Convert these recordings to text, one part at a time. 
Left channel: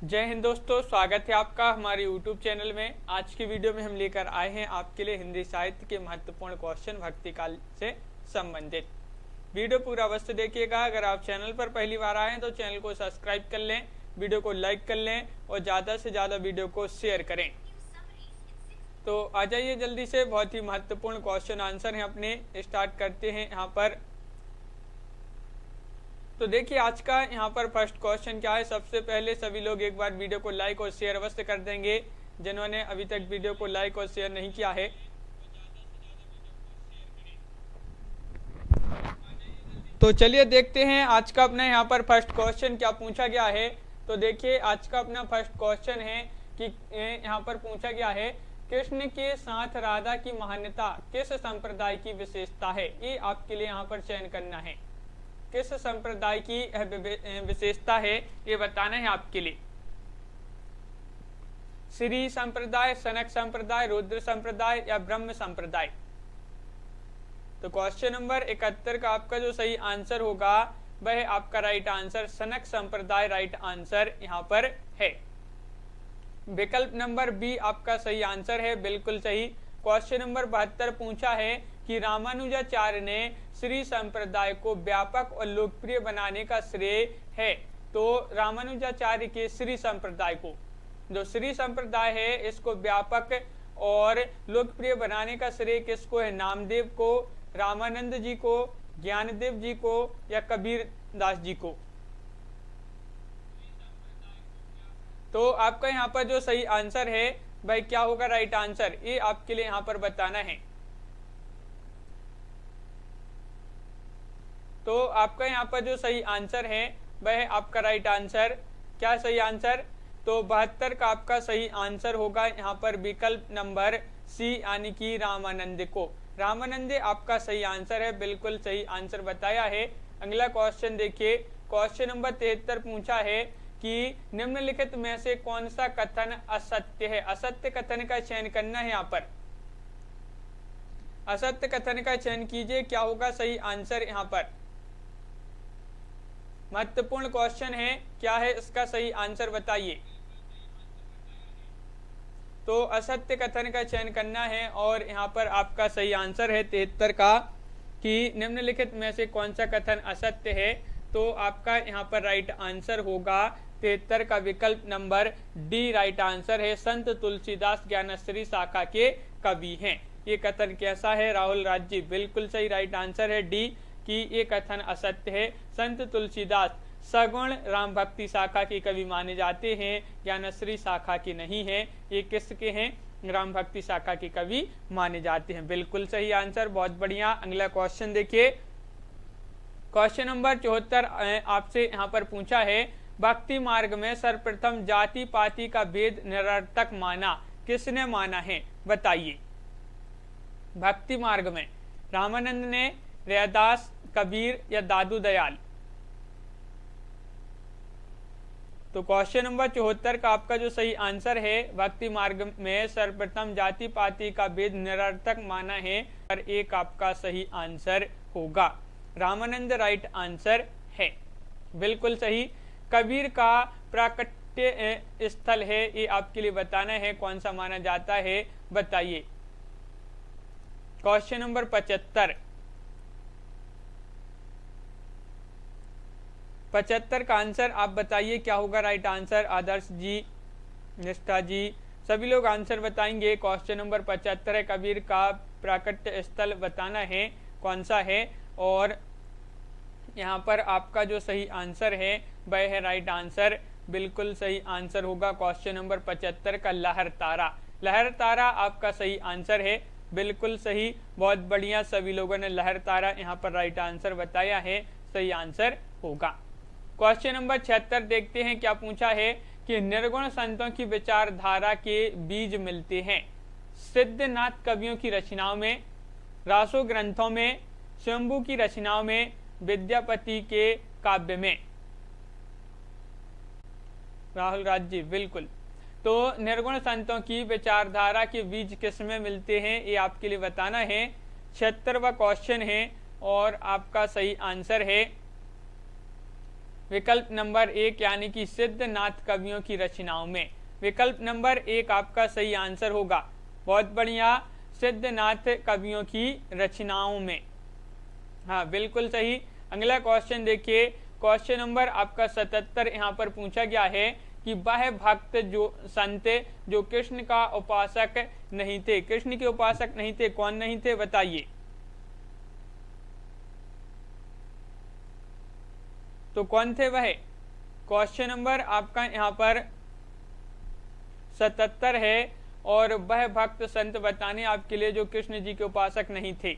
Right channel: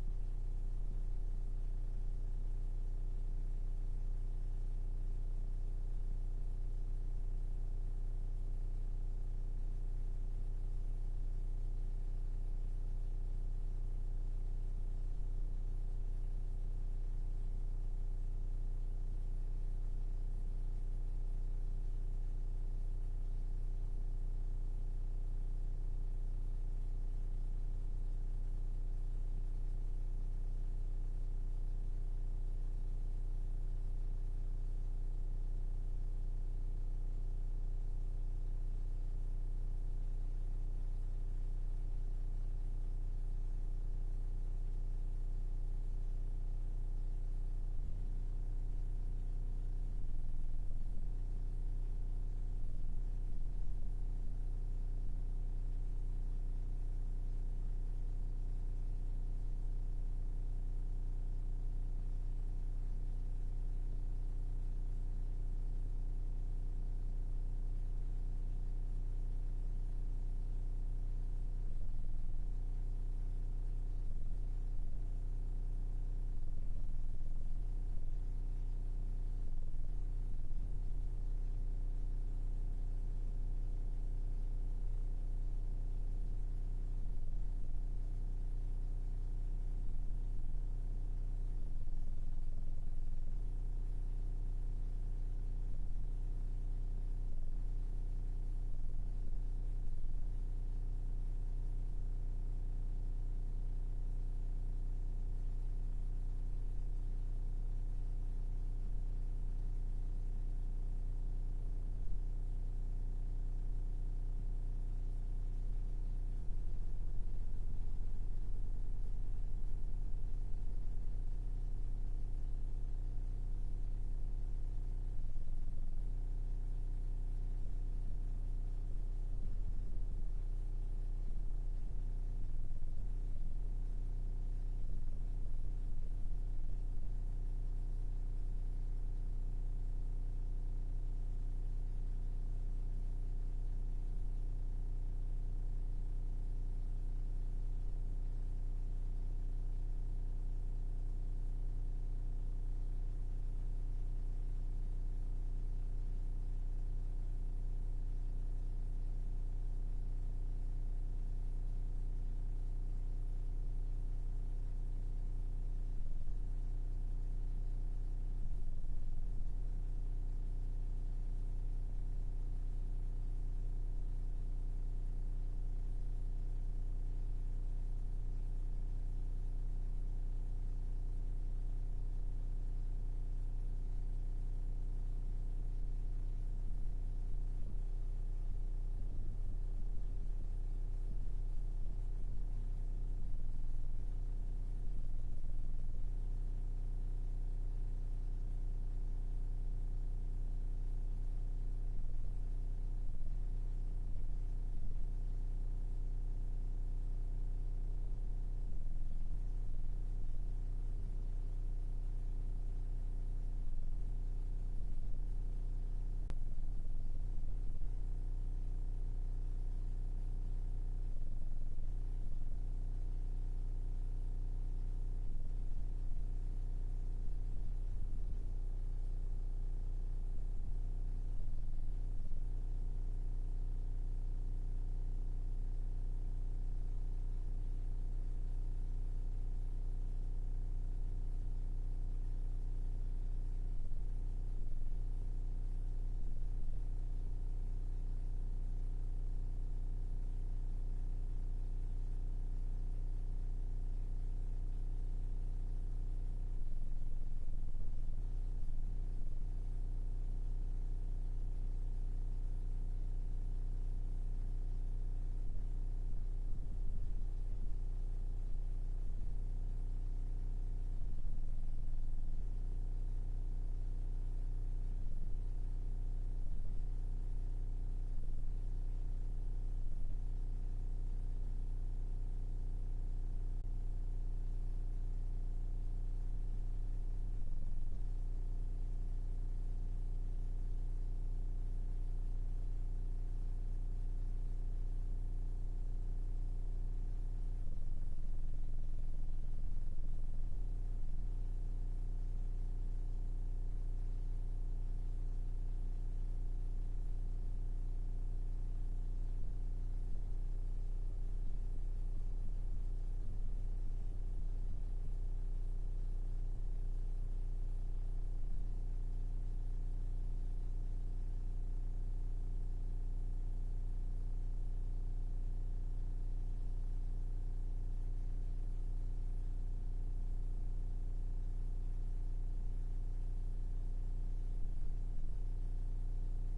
जय हिंद दोस्तों, स्वागत है आपका हमारे YouTube चैनल में। आज की वीडियो में हम लेकर आए हैं आपके लिए हिंदी साहित्य के महत्वपूर्ण क्वेश्चन भक्ति काल से संबंधित। वीडियो पूरा अवश्य देखिएगा। अगर आप चैनल पर पहली बार आए हैं तो चैनल को सब्सक्राइब कर लें, वीडियो को लाइक कर लें और ज़्यादा से ज़्यादा वीडियो को शेयर करें। तो आ जाइए जल्दी से, बहुत ही महत्वपूर्ण क्वेश्चन आंसर हैं अपने, स्टार्ट करते हैं यहाँ पर। तो देखिए आज का यहाँ पर फर्स्ट क्वेश्चन क्या है। सबसे पहले सभी लोग एक बार वीडियो को लाइक और शेयर अवश्य कर देंगे, जिन्होंने अभी तक वीडियो को लाइक और शेयर नहीं किया है। तो चलिए देखते हैं आज का अपना यहाँ पर फर्स्ट क्वेश्चन क्या पूछा गया है। तो देखिए आज का अपना फर्स्ट क्वेश्चन है कि यहाँ पर पूछा गया है, कृष्ण के साथ राधा की महान्यता किस संप्रदाय की विशेषता है। ये आपके लिए यहाँ पर चयन करना है, किस संप्रदाय की विशेषता है ये बताना है आपके लिए। श्री संप्रदाय, सनक संप्रदाय, रुद्र संप्रदाय या ब्रह्म संप्रदाय। तो क्वेश्चन नंबर 71 का आपका जो सही आंसर होगा वह आपका राइट आंसर सनक संप्रदाय राइट आंसर यहाँ पर है। विकल्प नंबर बी आपका सही आंसर है, बिल्कुल सही। क्वेश्चन नंबर 72 पूछा है कि रामानुजाचार्य ने श्री संप्रदाय को व्यापक और लोकप्रिय बनाने का श्रेय है। तो रामानुजाचार्य के श्री संप्रदाय को, जो श्री संप्रदाय है, इसको व्यापक और लोकप्रिय बनाने का श्रेय किसको है? नामदेव को, रामानंद जी को, ज्ञानदेव जी को या कबीर दास जी को। तो आपका यहाँ पर जो सही आंसर है भाई क्या होगा राइट आंसर, ये आपके लिए यहाँ पर बताना है। तो आपका यहाँ पर जो सही आंसर है वह आपका राइट आंसर, क्या सही आंसर? तो 72 का आपका सही आंसर होगा यहाँ पर विकल्प नंबर सी, यानी कि रामानंद को। रामानंद आपका सही आंसर है, बिल्कुल सही आंसर बताया है। अगला क्वेश्चन देखिए, क्वेश्चन नंबर 73 पूछा है कि निम्नलिखित में से कौन सा कथन असत्य है। असत्य कथन का चयन करना है यहाँ पर, असत्य कथन का चयन कीजिए, क्या होगा सही आंसर यहाँ पर। महत्वपूर्ण क्वेश्चन है, क्या है इसका सही आंसर बताइए। तो असत्य कथन का चयन करना है और यहाँ पर आपका सही आंसर है 73 का कि निम्नलिखित में से कौन सा कथन असत्य है। तो आपका यहाँ पर राइट आंसर होगा 73 का विकल्प नंबर डी राइट आंसर है। संत तुलसीदास ज्ञानश्री शाखा के कवि हैं। ये कथन कैसा है राहुल राज जी? बिल्कुल सही राइट आंसर है डी कि ये कथन असत्य है। संत तुलसीदास सगुण राम भक्ति शाखा के कवि माने जाते हैं, ज्ञानश्री शाखा के नहीं है। ये किसके हैं? राम भक्ति शाखा के कवि माने जाते हैं। बिल्कुल सही आंसर, बहुत बढ़िया। अगला क्वेश्चन देखिए, क्वेश्चन नंबर 74 आपसे यहाँ पर पूछा है, भक्ति मार्ग में सर्वप्रथम जाति पाति का भेद निरर्थक माना, किसने माना है बताइए। भक्ति मार्ग में रामानंद ने, रैदास, कबीर या दादू दयाल। तो क्वेश्चन नंबर 74 का आपका जो सही आंसर है, भक्ति मार्ग में सर्वप्रथम जाति पाति का भेद निरर्थक माना है, और एक आपका सही आंसर होगा रामानंद राइट आंसर है, बिल्कुल सही। कबीर का प्राकट्य स्थल है, ये आपके लिए बताना है कौन सा माना जाता है बताइए। क्वेश्चन नंबर 75 का आंसर आप बताइए, क्या होगा राइट आंसर। आदर्श जी, निष्ठा जी, सभी लोग आंसर बताएंगे। क्वेश्चन नंबर 75 है, कबीर का प्राकट्य स्थल बताना है कौन सा है, और यहाँ पर आपका जो सही आंसर है वह है राइट आंसर, बिल्कुल सही आंसर होगा क्वेश्चन नंबर 75 का लहर तारा। लहर तारा आपका सही आंसर है, बिल्कुल सही, बहुत बढ़िया। सभी लोगों ने लहर तारा यहाँ पर राइट आंसर बताया है, सही आंसर होगा। क्वेश्चन नंबर 76 देखते हैं, क्या पूछा है कि निर्गुण संतों की विचारधारा के बीज मिलते हैं सिद्धनाथ कवियों की रचनाओं में, रासो ग्रंथों में, शंभू की रचनाओं में, विद्यापति के काव्य में। राहुल राज जी, बिल्कुल। तो निर्गुण संतों की विचारधारा के बीज किसमें मिलते हैं ये आपके लिए बताना है। 76वां क्वेश्चन है और आपका सही आंसर है विकल्प नंबर 1 यानी कि सिद्धनाथ कवियों की रचनाओं में। विकल्प नंबर 1 आपका सही आंसर होगा। बहुत बढ़िया, सिद्धनाथ कवियों की रचनाओं में। हाँ बिल्कुल सही। अगला क्वेश्चन देखिए, क्वेश्चन नंबर आपका 77 यहाँ पर पूछा गया है कि वह भक्त जो संत जो कृष्ण का उपासक नहीं थे, कृष्ण के उपासक नहीं थे, कौन नहीं थे बताइए। तो कौन थे वह? क्वेश्चन नंबर आपका यहाँ पर 77 है और वह भक्त संत बताने आपके लिए जो कृष्ण जी के उपासक नहीं थे।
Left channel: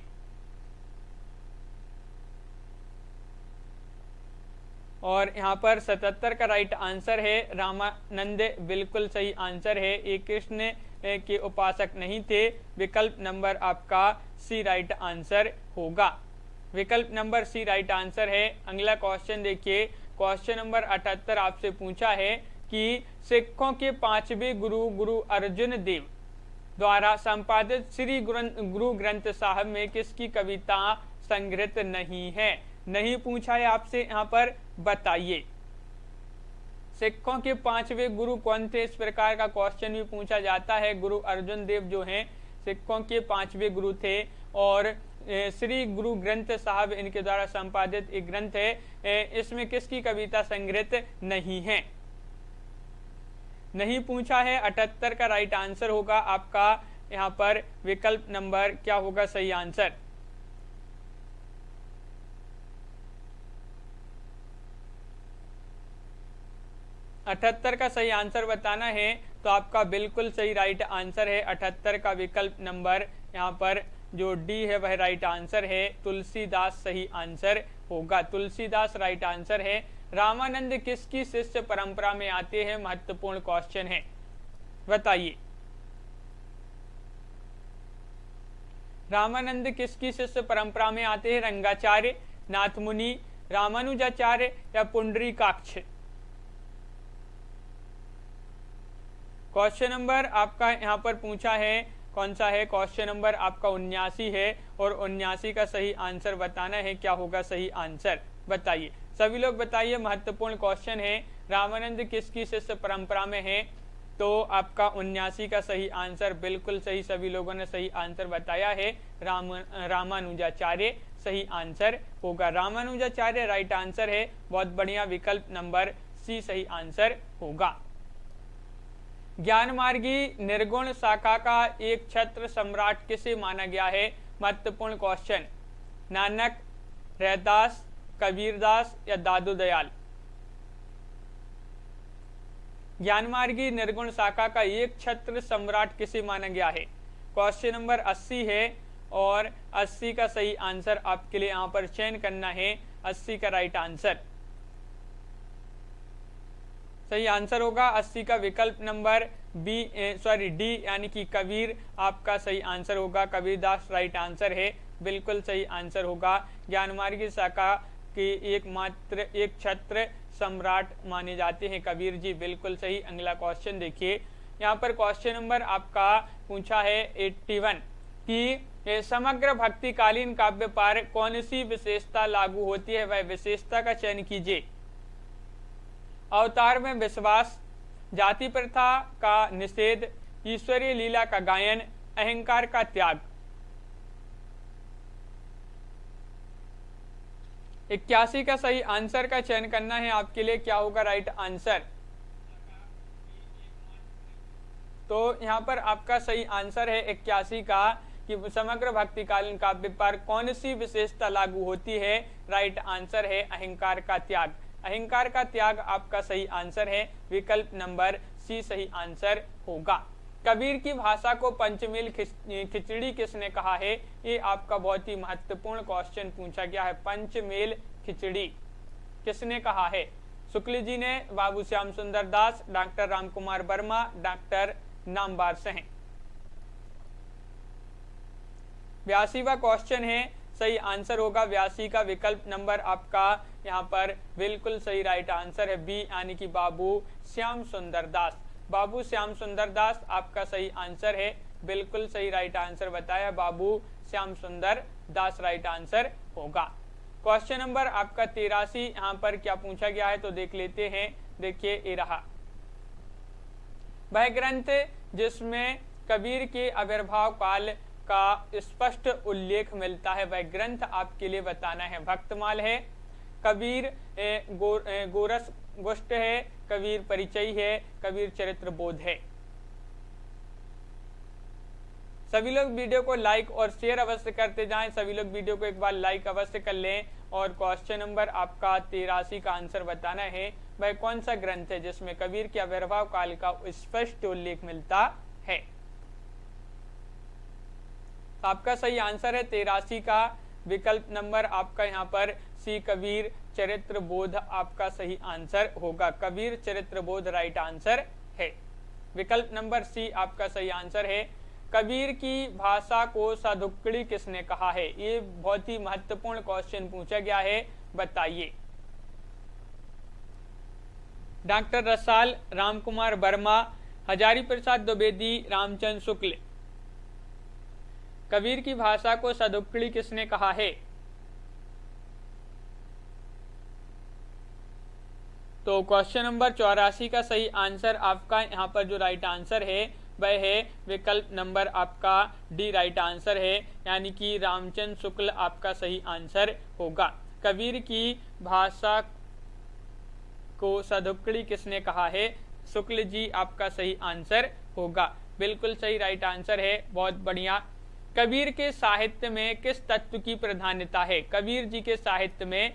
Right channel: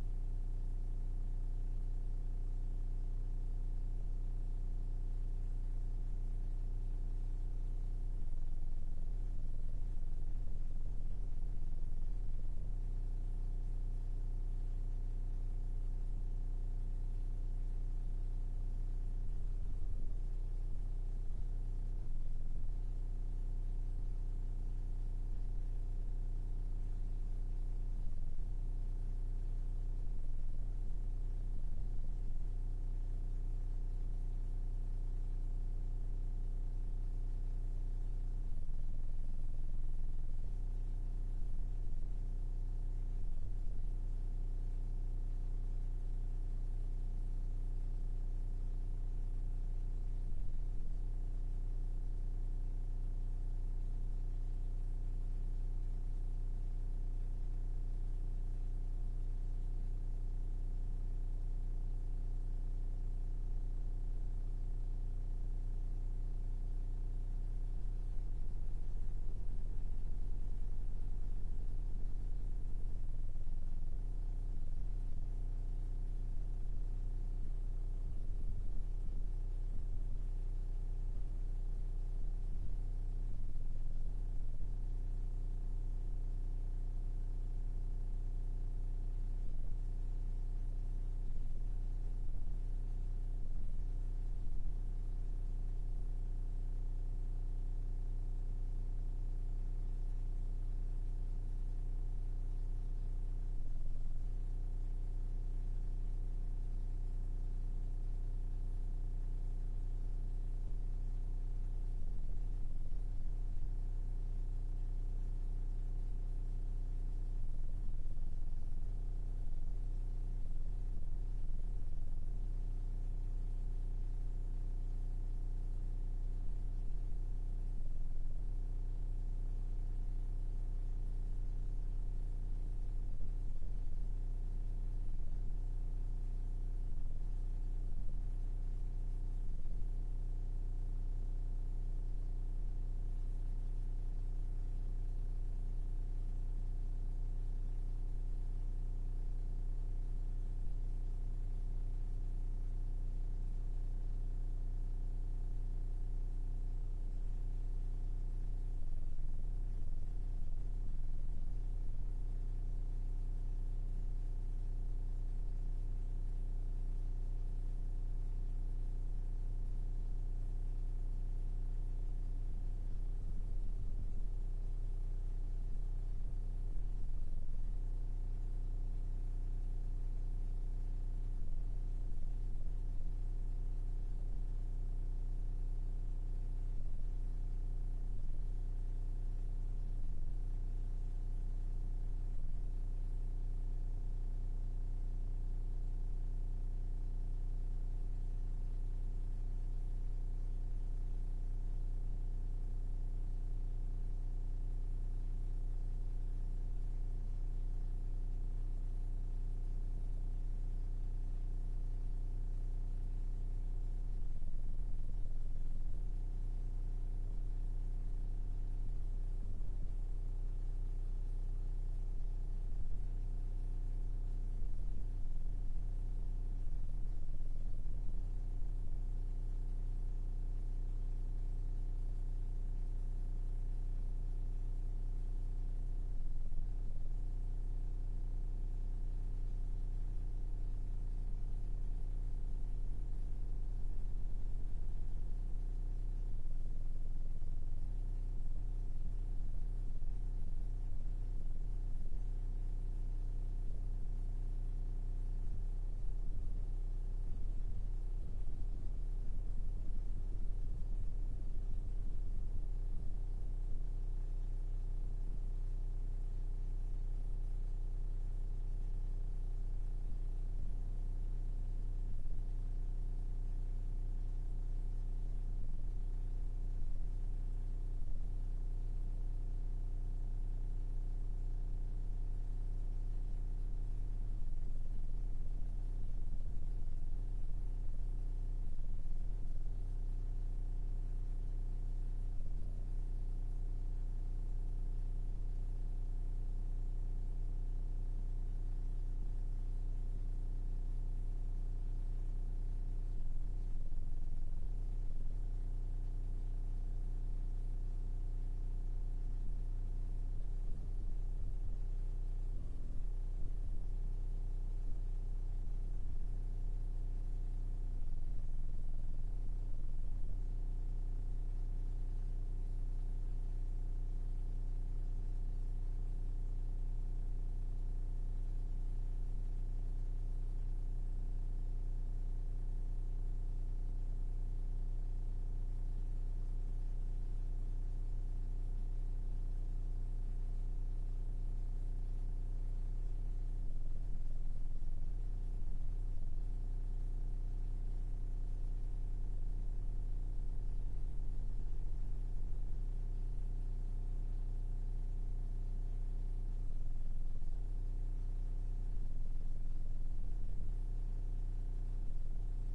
और यहाँ पर 77 का राइट आंसर है रामानंद, बिल्कुल सही आंसर है। ये कृष्ण के उपासक नहीं थे। विकल्प नंबर आपका सी राइट आंसर होगा। विकल्प नंबर सी राइट आंसर है। अगला क्वेश्चन देखिए, क्वेश्चन नंबर 78 आपसे पूछा है कि सिखों के 5वें गुरु गुरु अर्जुन देव द्वारा संपादित श्री गुरु ग्रंथ साहब में किसकी कविता संग्रहित नहीं है? नहीं पूछा है आपसे, यहाँ पर बताइए। सिखों के 5वें गुरु कौन थे, इस प्रकार का क्वेश्चन भी पूछा जाता है। गुरु अर्जुन देव जो हैं सिखों के 5वें गुरु थे और श्री गुरु ग्रंथ साहब इनके द्वारा संपादित एक ग्रंथ है। इसमें किसकी कविता संग्रहित नहीं है? नहीं पूछा है। 78 का राइट आंसर होगा आपका यहाँ पर विकल्प नंबर क्या होगा सही आंसर? अठहत्तर का सही आंसर बताना है तो आपका बिल्कुल सही राइट आंसर है 78 का विकल्प नंबर यहाँ पर जो डी है वह राइट आंसर है। तुलसीदास सही आंसर होगा। तुलसीदास राइट आंसर है। रामानंद किसकी शिष्य परंपरा में आते हैं? महत्वपूर्ण क्वेश्चन है, बताइए। रामानंद किसकी शिष्य परंपरा में आते हैं? रंगाचार्य, नाथमुनि, रामानुजाचार्य या पुंडरीकाक्ष? क्वेश्चन नंबर आपका यहाँ पर पूछा है कौन सा है? क्वेश्चन नंबर आपका 79 है और 79 का सही आंसर बताना है। क्या होगा सही आंसर बताइए, सभी लोग बताइए। महत्वपूर्ण क्वेश्चन है। रामानंद किसकी शिष्य परंपरा में है? तो आपका 79 का सही आंसर बिल्कुल सही, सभी लोगों ने सही आंसर बताया है। रामानुजाचार्य सही आंसर होगा। रामानुजाचार्य राइट आंसर है। बहुत बढ़िया, विकल्प नंबर सी सही आंसर होगा। ज्ञान मार्गी निर्गुण शाखा का एक छत्र सम्राट किसे माना गया है? महत्वपूर्ण क्वेश्चन। नानक, रैदास, कबीरदास या दादू दयाल? ज्ञान मार्गी निर्गुण शाखा का एक छत्र सम्राट किसे माना गया है? क्वेश्चन नंबर 80 है और 80 का सही आंसर आपके लिए यहाँ पर चयन करना है। 80 का राइट आंसर सही आंसर होगा। 80 का विकल्प नंबर डी यानी कि कबीर आपका सही आंसर होगा। कबीरदास राइट आंसर है, बिल्कुल सही आंसर होगा। ज्ञानमार्गी शाखा के एकमात्र एक छत्र सम्राट माने जाते हैं कबीर जी, बिल्कुल सही। अगला क्वेश्चन देखिए, यहाँ पर क्वेश्चन नंबर आपका पूछा है 81 कि समग्र भक्तिकालीन काव्य पर कौन सी विशेषता लागू होती है? वह विशेषता का चयन कीजिए। अवतार में विश्वास, जाति प्रथा का निषेध, ईश्वरीय लीला का गायन, अहंकार का त्याग। 81 का सही आंसर का चयन करना है आपके लिए। क्या होगा राइट आंसर? तो यहाँ पर आपका सही आंसर है 81 का कि समग्र भक्तिकालीन काव्य पर कौन सी विशेषता लागू होती है? राइट आंसर है अहंकार का त्याग। अहंकार का त्याग आपका सही आंसर है। विकल्प नंबर सी सही आंसर होगा। कबीर की भाषा को पंचमेल खिचड़ी किसने कहा है? ये आपका बहुत ही महत्वपूर्ण क्वेश्चन पूछा गया है। पंचमेल खिचड़ी किसने कहा है? शुक्ल जी ने, बाबू श्याम सुंदर दास, डॉक्टर रामकुमार वर्मा, डॉक्टर नामवर सिंह। 82वां क्वेश्चन है, सही आंसर होगा 82 का विकल्प नंबर आपका यहाँ पर बिल्कुल सही राइट आंसर है बी यानी कि बाबू श्याम सुंदर दास। बाबू श्याम सुंदर दास आपका सही आंसर है, बिल्कुल सही राइट आंसर बताया। बाबू श्याम सुंदर दास राइट आंसर होगा। क्वेश्चन नंबर आपका 83 यहाँ पर क्या पूछा गया है तो देख लेते हैं। देखिए ये रहा, वह ग्रंथ जिसमें कबीर के आविर्भाव काल का स्पष्ट उल्लेख मिलता है, वह ग्रंथ आपके लिए बताना है। भक्तमाल है, कबीर गोरस गोष्ठ है, कबीर परिचय है, कबीर चरित्र बोध है। सभी लोग वीडियो को लाइक और शेयर अवश्य करते जाएं। सभी लोग वीडियो को एक बार लाइक अवश्य कर लें। और क्वेश्चन नंबर आपका 83 का आंसर बताना है, वह कौन सा ग्रंथ है जिसमें कबीर के आविर्भाव काल का स्पष्ट उल्लेख मिलता है। आपका सही आंसर है 83 का विकल्प नंबर आपका यहाँ पर सी, कबीर चरित्र बोध आपका सही आंसर होगा। कबीर चरित्र बोध राइट आंसर है। विकल्प नंबर सी आपका सही आंसर है। कबीर की भाषा को साधुक्कड़ी किसने कहा है, ये बहुत ही महत्वपूर्ण क्वेश्चन पूछा गया है, बताइए। डॉक्टर रसाल, रामकुमार वर्मा, हजारी प्रसाद द्विवेदी, रामचंद्र शुक्ल। कबीर की भाषा को साधुक्कड़ी किसने कहा है? तो क्वेश्चन नंबर 84 का सही आंसर आपका यहाँ पर जो राइट आंसर है वह है विकल्प नंबर आपका डी राइट आंसर है, यानी कि रामचंद्र शुक्ल आपका सही आंसर होगा। कबीर की भाषा को साधुक्कड़ी किसने कहा है? शुक्ल जी आपका सही आंसर होगा। बिल्कुल सही राइट आंसर है, बहुत बढ़िया। कबीर के साहित्य में किस तत्व की प्रधानता है? कबीर जी के साहित्य में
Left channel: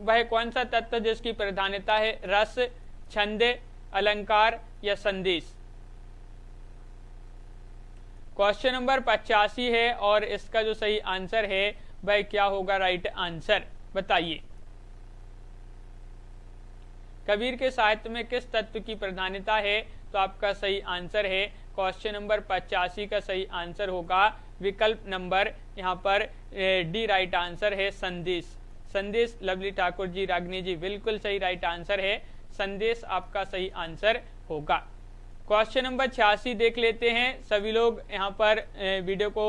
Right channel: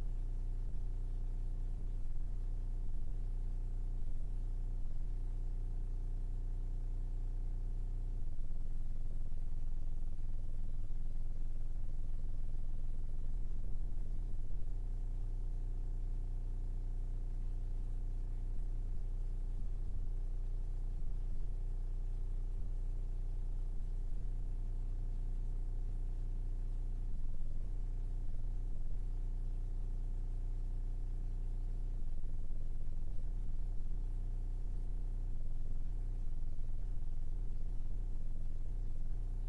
वह कौन सा तत्व जिसकी प्रधानता है? रस, छंद, अलंकार या संदेश? क्वेश्चन नंबर 85 है और इसका जो सही आंसर है वह क्या होगा राइट आंसर, बताइए। कबीर के साहित्य में किस तत्व की प्रधानता है? तो आपका सही आंसर है क्वेश्चन नंबर 85 का सही आंसर होगा विकल्प नंबर यहाँ पर डी राइट आंसर है, संदेश। संदेश, लवली ठाकुर जी, रागिनी जी, बिल्कुल सही राइट आंसर है, संदेश आपका सही आंसर होगा। क्वेश्चन नंबर 86 देख लेते हैं। सभी लोग यहाँ पर वीडियो को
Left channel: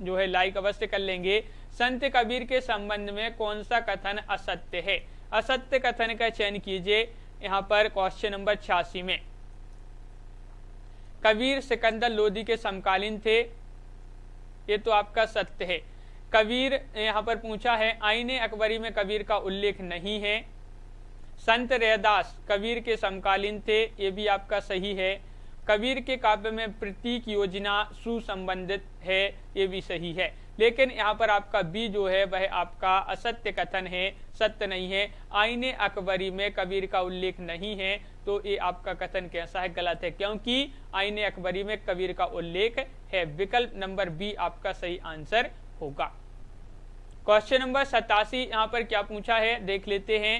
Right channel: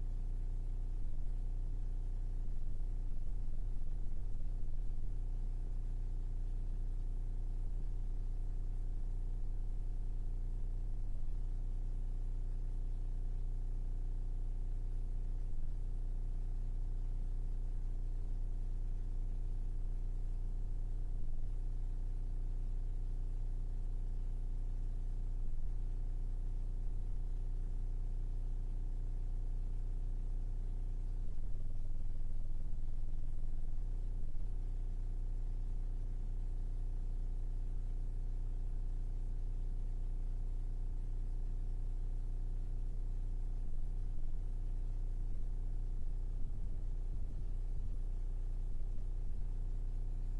जो है लाइक अवश्य कर लेंगे। संत कबीर के संबंध में कौन सा कथन असत्य है? असत्य कथन का चयन कीजिए यहाँ पर क्वेश्चन नंबर 86 में। कबीर सिकंदर लोदी के समकालीन थे, ये तो आपका सत्य है। कबीर यहाँ पर पूछा है, आईने अकबरी में कबीर का उल्लेख नहीं है। संत रैदास कबीर के समकालीन थे, ये भी आपका सही है। कबीर के काव्य में प्रतीक योजना सुसंबंधित है, ये भी सही है। लेकिन यहाँ पर आपका बी जो है वह आपका असत्य कथन है, सत्य नहीं है। आईने अकबरी में कबीर का उल्लेख नहीं है, तो ये आपका कथन कैसा है? गलत है, क्योंकि आईने अकबरी में कबीर का उल्लेख है। विकल्प नंबर बी आपका सही आंसर होगा। क्वेश्चन नंबर 87 यहाँ पर क्या पूछा है देख लेते हैं।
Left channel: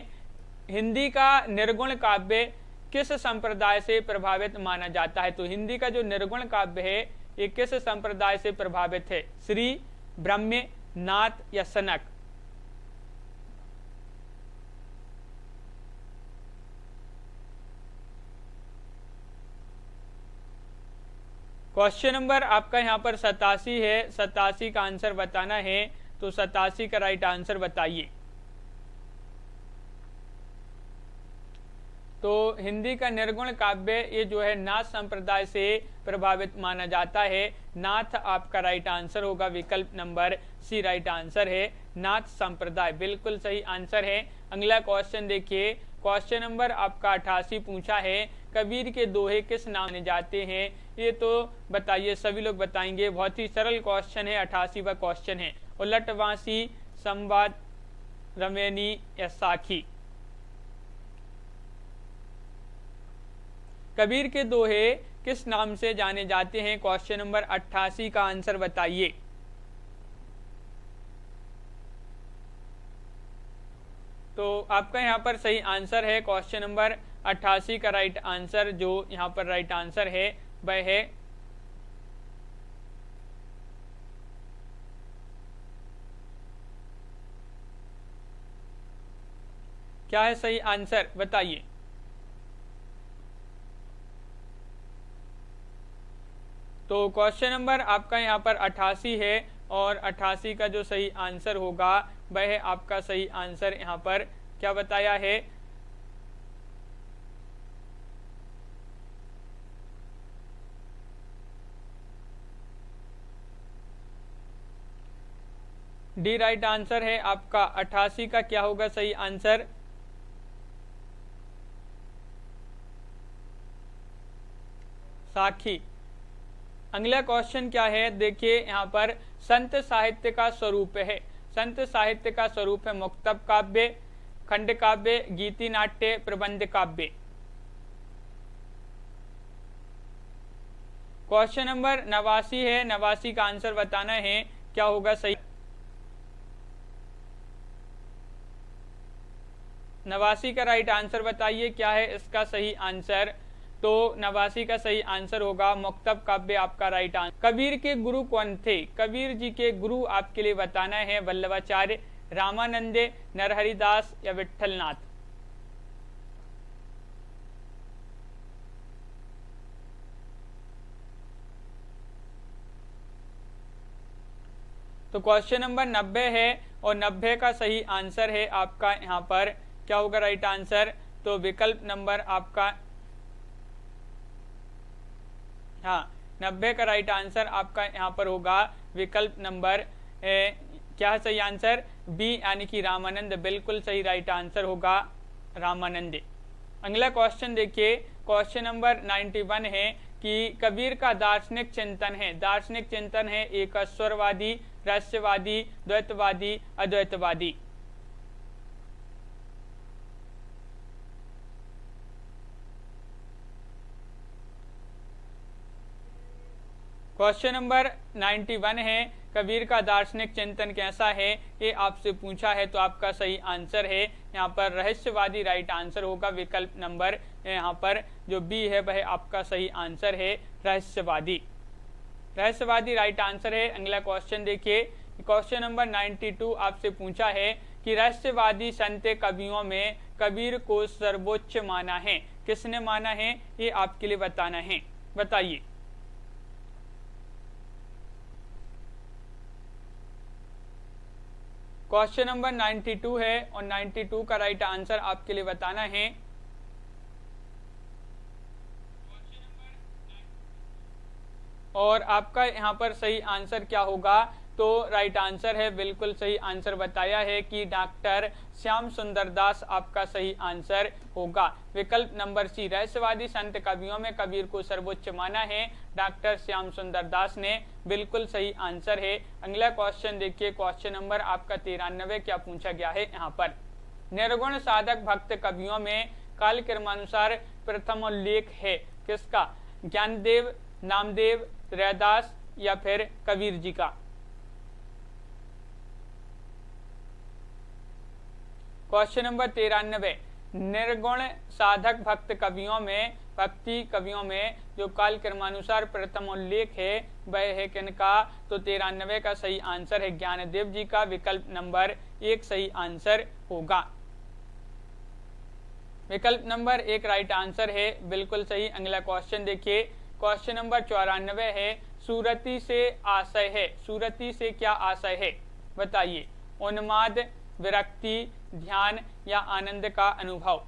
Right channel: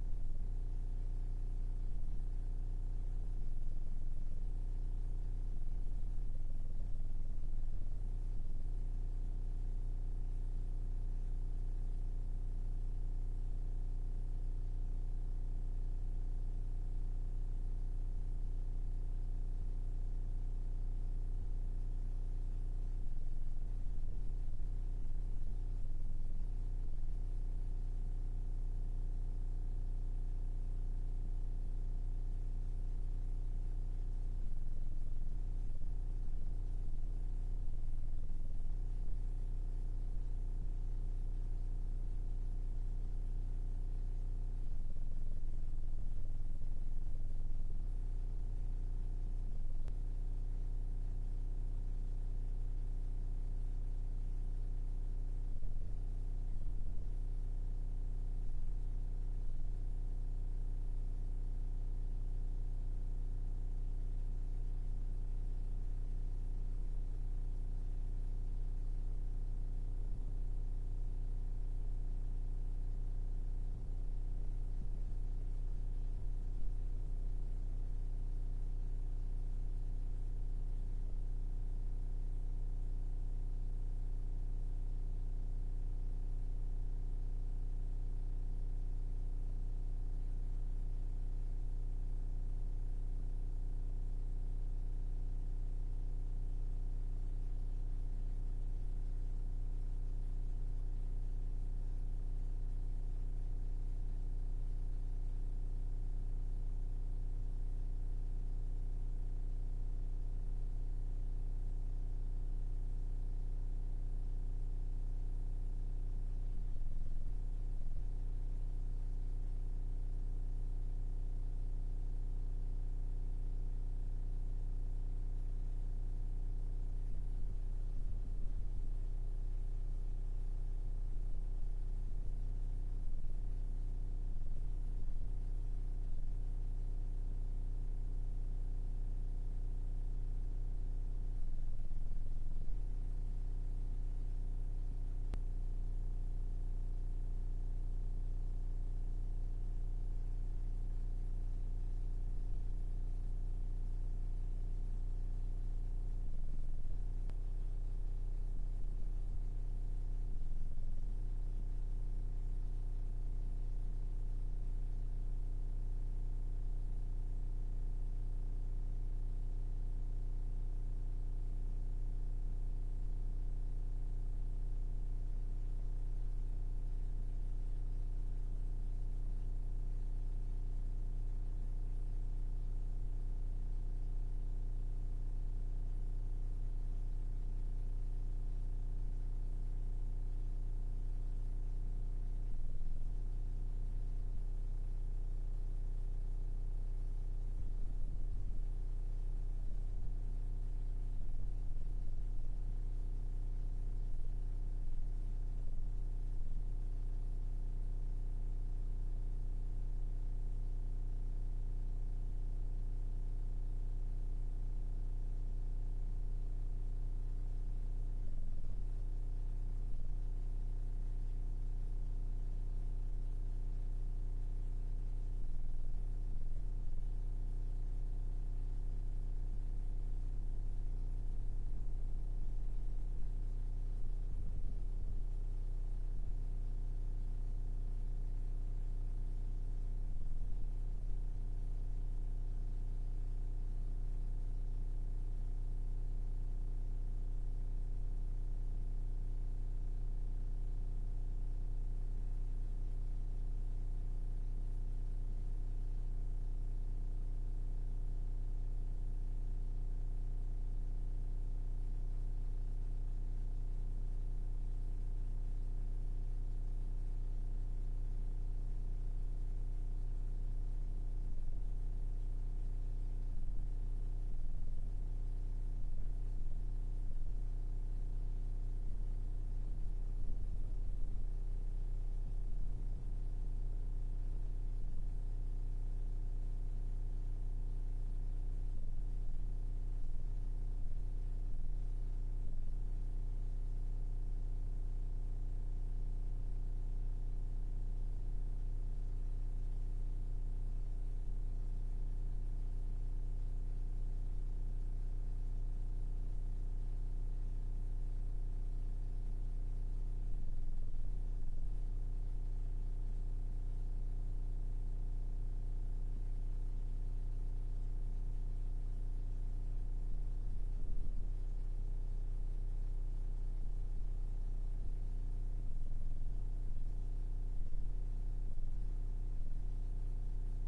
हिंदी का निर्गुण काव्य किस संप्रदाय से प्रभावित माना जाता है? तो हिंदी का जो निर्गुण काव्य है ये किस संप्रदाय से प्रभावित है? श्री, ब्रह्म, नाथ या सनक? क्वेश्चन नंबर आपका यहाँ पर 87 है, 87 का आंसर बताना है, तो 87 का राइट आंसर बताइए। तो हिंदी का निर्गुण काव्य ये जो है नाथ संप्रदाय से प्रभावित माना जाता है। नाथ आपका राइट आंसर होगा, विकल्प नंबर सी राइट आंसर है, नाथ संप्रदाय, बिल्कुल सही आंसर है। अगला क्वेश्चन देखिए, क्वेश्चन नंबर आपका 88 पूछा है, कबीर के दोहे किस नाम से जाते हैं? ये तो बताइए, सभी लोग बताएंगे। बहुत ही सरल क्वेश्चन है, 88वां क्वेश्चन है। उलटवासी, संवाद, रमैनी या साखी? कबीर के दोहे किस नाम से जाने जाते हैं? क्वेश्चन नंबर 88 का आंसर बताइए। तो आपका यहाँ पर सही आंसर है क्वेश्चन नंबर 88 का राइट आंसर, जो यहाँ पर राइट आंसर है वह है क्या है सही आंसर, बताइए। तो क्वेश्चन नंबर आपका यहाँ पर 88 है, और 88 का जो सही आंसर होगा वह है आपका सही आंसर यहाँ पर क्या बताया है, डी राइट आंसर है आपका 88 का क्या होगा सही आंसर, साखी। अगला क्वेश्चन क्या है देखिए यहाँ पर, संत साहित्य का स्वरूप है, संत साहित्य का स्वरूप है मुक्तक काव्य, खंड काव्य, गीति नाट्य, प्रबंध काव्य। क्वेश्चन नंबर 89 है, 89 का आंसर बताना है क्या होगा सही, 89 का राइट आंसर बताइए क्या है इसका सही आंसर। तो 89 का सही आंसर होगा मुक्तक काव्य आपका राइट आंसर। कबीर के गुरु कौन थे, कबीर जी के गुरु आपके लिए बताना है वल्लभाचार्य, रामानंदे, नरहरिदास या विठलनाथ। तो क्वेश्चन नंबर 90 है और 90 का सही आंसर है आपका यहाँ पर क्या होगा राइट आंसर, तो विकल्प नंबर आपका, हाँ 90 का राइट आंसर आपका यहाँ पर होगा विकल्प नंबर क्या है सही आंसर, बी यानी कि रामानंद, बिल्कुल सही राइट आंसर होगा रामानंद। अगला क्वेश्चन देखिए, क्वेश्चन नंबर 91 है कि कबीर का दार्शनिक चिंतन है, दार्शनिक चिंतन है एक स्वरवादी, रहस्यवादी, द्वैतवादी, अद्वैतवादी। क्वेश्चन नंबर 91 है, कबीर का दार्शनिक चिंतन कैसा है, ये आपसे पूछा है। तो आपका सही आंसर है यहाँ पर रहस्यवादी राइट आंसर होगा, विकल्प नंबर यहाँ पर जो बी है वह आपका सही आंसर है रहस्यवादी, रहस्यवादी राइट आंसर है। अगला क्वेश्चन देखिए, क्वेश्चन नंबर 92 आपसे पूछा है कि रहस्यवादी संत कवियों में कबीर को सर्वोच्च माना है, किसने माना है ये आपके लिए बताना है, बताइए। क्वेश्चन नंबर 92 है और 92 का राइट आंसर आपके लिए बताना है। और आपका यहाँ पर सही आंसर क्या होगा, तो राइट आंसर है, बिल्कुल सही आंसर बताया है कि डॉक्टर श्याम सुंदर दास आपका सही आंसर होगा, विकल्प नंबर सी। रहस्यवादी संत कवियों में कबीर को सर्वोच्च माना है डॉक्टर श्याम सुंदर दास ने, बिल्कुल सही आंसर है। अगला क्वेश्चन देखिए, क्वेश्चन नंबर आपका 93 क्या पूछा गया है यहाँ पर, निर्गुण साधक भक्त कवियों में काल क्रमानुसार प्रथम उल्लेख है किसका, ज्ञानदेव, नामदेव, रैदास या फिर कबीर जी का। क्वेश्चन नंबर 93, निर्गुण साधक भक्त कवियों में, भक्ति कवियों में जो काल क्रमानुसार प्रथम उल्लेख है वह है किनका, तो 93 का सही आंसर है ज्ञानदेव जी का, विकल्प नंबर 1 सही आंसर होगा, विकल्प नंबर 1 राइट आंसर है, बिल्कुल सही। अगला क्वेश्चन देखिए, क्वेश्चन नंबर 94 है, सूरती से आशय है, सूरती से क्या आशय है बताइए, उन्माद, विरक्ति, ध्यान या आनंद का अनुभव।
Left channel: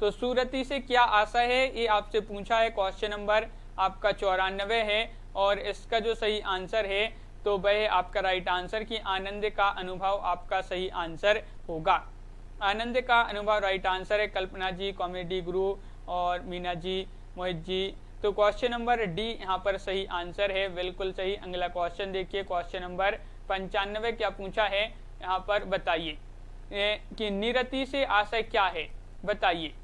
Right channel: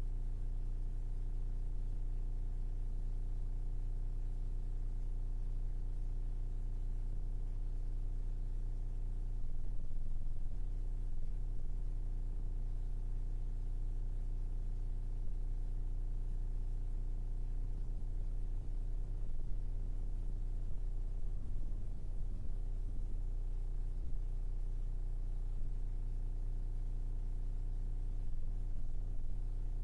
तो सूरती से क्या आशय है ये आपसे पूछा है, क्वेश्चन नंबर आपका 94 है और इसका जो सही आंसर है तो वह आपका राइट आंसर की आनंद का अनुभव आपका सही आंसर होगा, आनंद का अनुभव राइट आंसर है। कल्पना जी, कॉमेडी गुरु और मीना जी, मोहित जी, तो क्वेश्चन नंबर डी यहाँ पर सही आंसर है, बिल्कुल सही। अगला क्वेश्चन देखिए, क्वेश्चन नंबर 95 क्या पूछा है यहाँ पर बताइए कि निरति से आशय क्या है बताइए।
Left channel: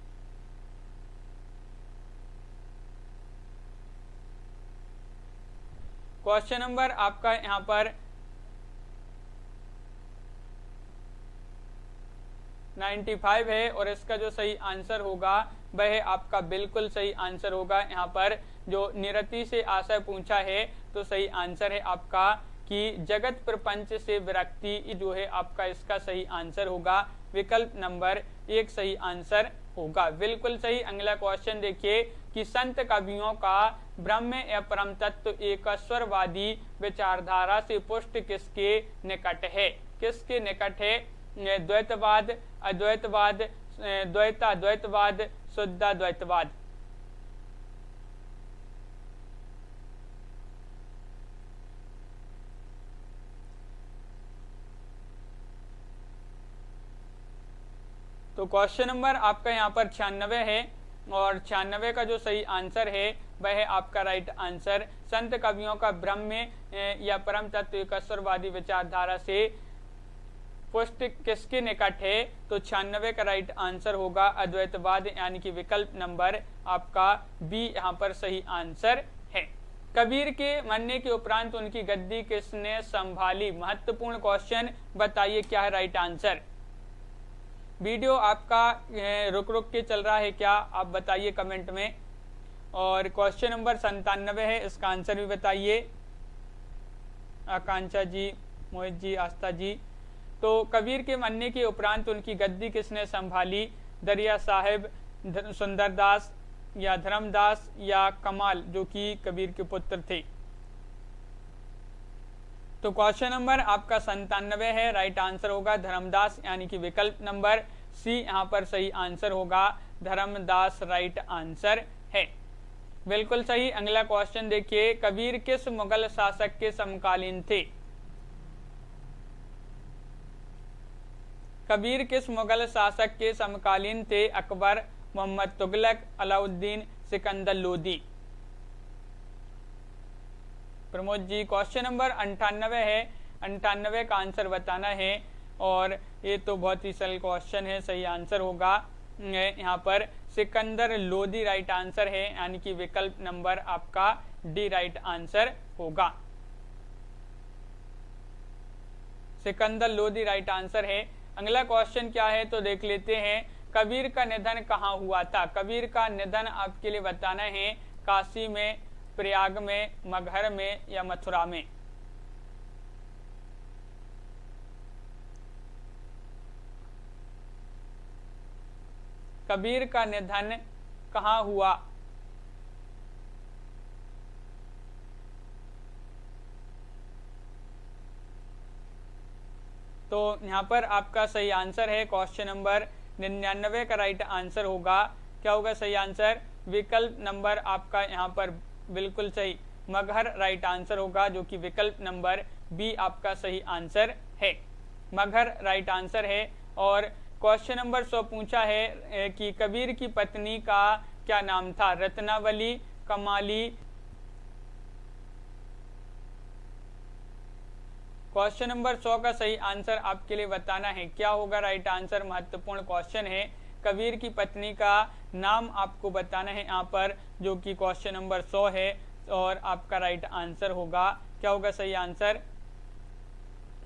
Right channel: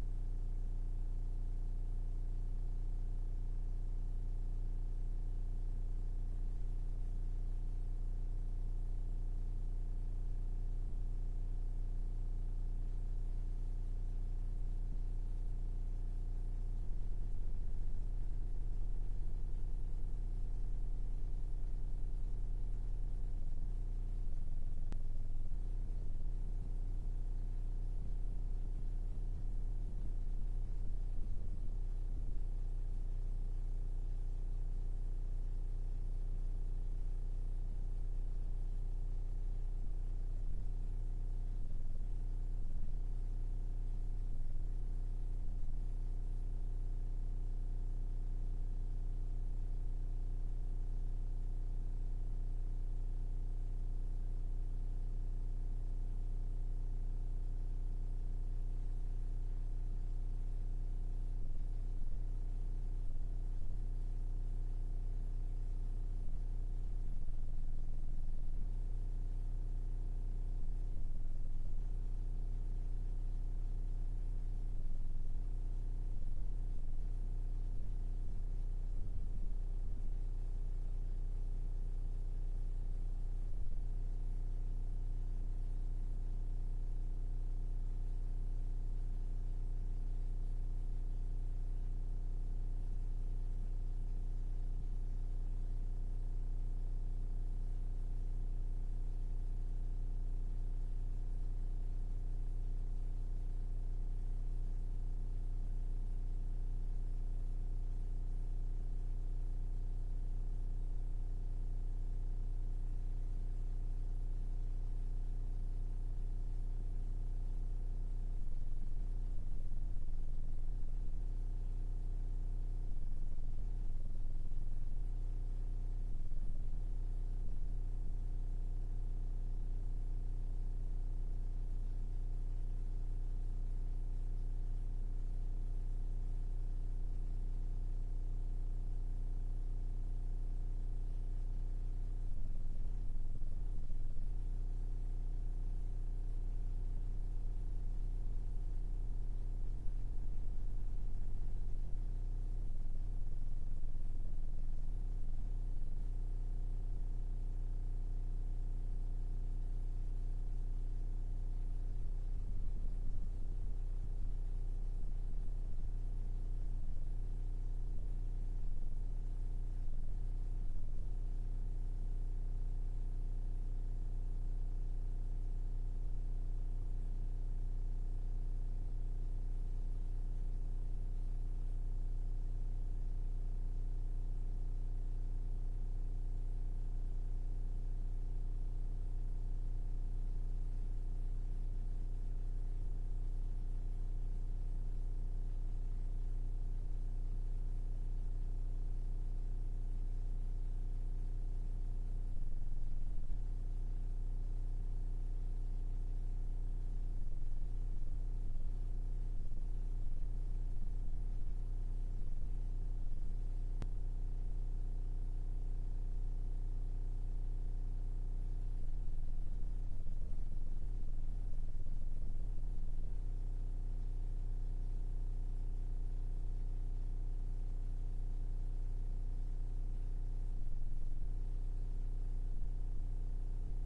क्वेश्चन नंबर आपका यहाँ पर 95 है और इसका जो सही आंसर होगा वह आपका बिल्कुल सही आंसर होगा। यहाँ पर जो निरति से आशय पूछा है तो सही आंसर है आपका कि जगत प्रपंच से विरक्ति जो है आपका इसका सही आंसर होगा विकल्प नंबर 1 सही आंसर होगा। बिल्कुल सही। अगला क्वेश्चन देखिए कि संत कवियों का ब्रह्म या परम तत्व एकस्वरवादी विचारधारा से पुष्ट किसके निकट है? किसके निकट है? द्वैतवाद, अद्वैतवाद, द्वैताद्वैतवाद, शुद्धाद्वैतवाद। तो क्वेश्चन नंबर आपका यहाँ पर 96 है और 96 का जो सही आंसर है वह है आपका राइट आंसर। संत कवियों का ब्रह्म या परम तत्व एकस्वरवादी विचारधारा से पुष्ट किसके निकट है? तो 96 का राइट आंसर होगा अद्वैतवाद, यानी कि विकल्प नंबर आपका बी यहाँ पर सही आंसर है। कबीर के मरने के उपरांत उनकी गद्दी किसने संभाली? महत्वपूर्ण क्वेश्चन, बताइए क्या है राइट आंसर। वीडियो आपका रुक रुक के चल रहा है क्या, आप बताइए कमेंट में। और क्वेश्चन नंबर 97 है, इसका आंसर भी बताइए। आकांक्षा जी, मोहित जी, आस्था जी। तो कबीर के मरने के उपरांत उनकी गद्दी किसने संभाली? दरिया साहिब, सुंदरदास या धर्मदास या कमाल, जो कि कबीर के पुत्र थे। तो क्वेश्चन नंबर आपका 97 है, राइट आंसर होगा धर्मदास, यानी कि विकल्प नंबर सी यहाँ पर सही आंसर होगा। धर्मदास राइट आंसर है। बिल्कुल सही। अगला क्वेश्चन देखिए, कबीर किस मुगल शासक के समकालीन थे? कबीर किस मुगल शासक के समकालीन थे? अकबर, मोहम्मद तुगलक, अलाउद्दीन, सिकंदर लोदी। प्रमोद जी, क्वेश्चन नंबर 98 है, 98 का आंसर बताना है। और ये तो बहुत ही सरल क्वेश्चन है, सही आंसर होगा यहाँ पर सिकंदर लोदी राइट आंसर है, यानी कि विकल्प नंबर आपका डी राइट आंसर होगा। सिकंदर लोदी राइट आंसर है। अगला क्वेश्चन क्या है तो देख लेते हैं। कबीर का निधन कहाँ हुआ था? कबीर का निधन आपके लिए बताना है काशी में, प्रयाग में, मगहर में या मथुरा में। कबीर का निधन कहाँ हुआ? तो यहाँ पर आपका सही आंसर है क्वेश्चन नंबर 99 का राइट आंसर होगा। क्या होगा सही आंसर? विकल्प नंबर आपका यहाँ पर बिल्कुल सही, मगहर राइट आंसर होगा, जो कि विकल्प नंबर बी आपका सही आंसर है। मगहर राइट आंसर है। और क्वेश्चन नंबर 100 पूछा है कि कबीर की पत्नी का क्या नाम था? रत्नावली, कमाली। क्वेश्चन नंबर 100 का सही आंसर आपके लिए बताना है। क्या होगा राइट आंसर? महत्वपूर्ण क्वेश्चन है। कबीर की पत्नी का नाम आपको बताना है यहाँ पर, जो कि क्वेश्चन नंबर 100 है और आपका राइट आंसर होगा। क्या होगा सही आंसर?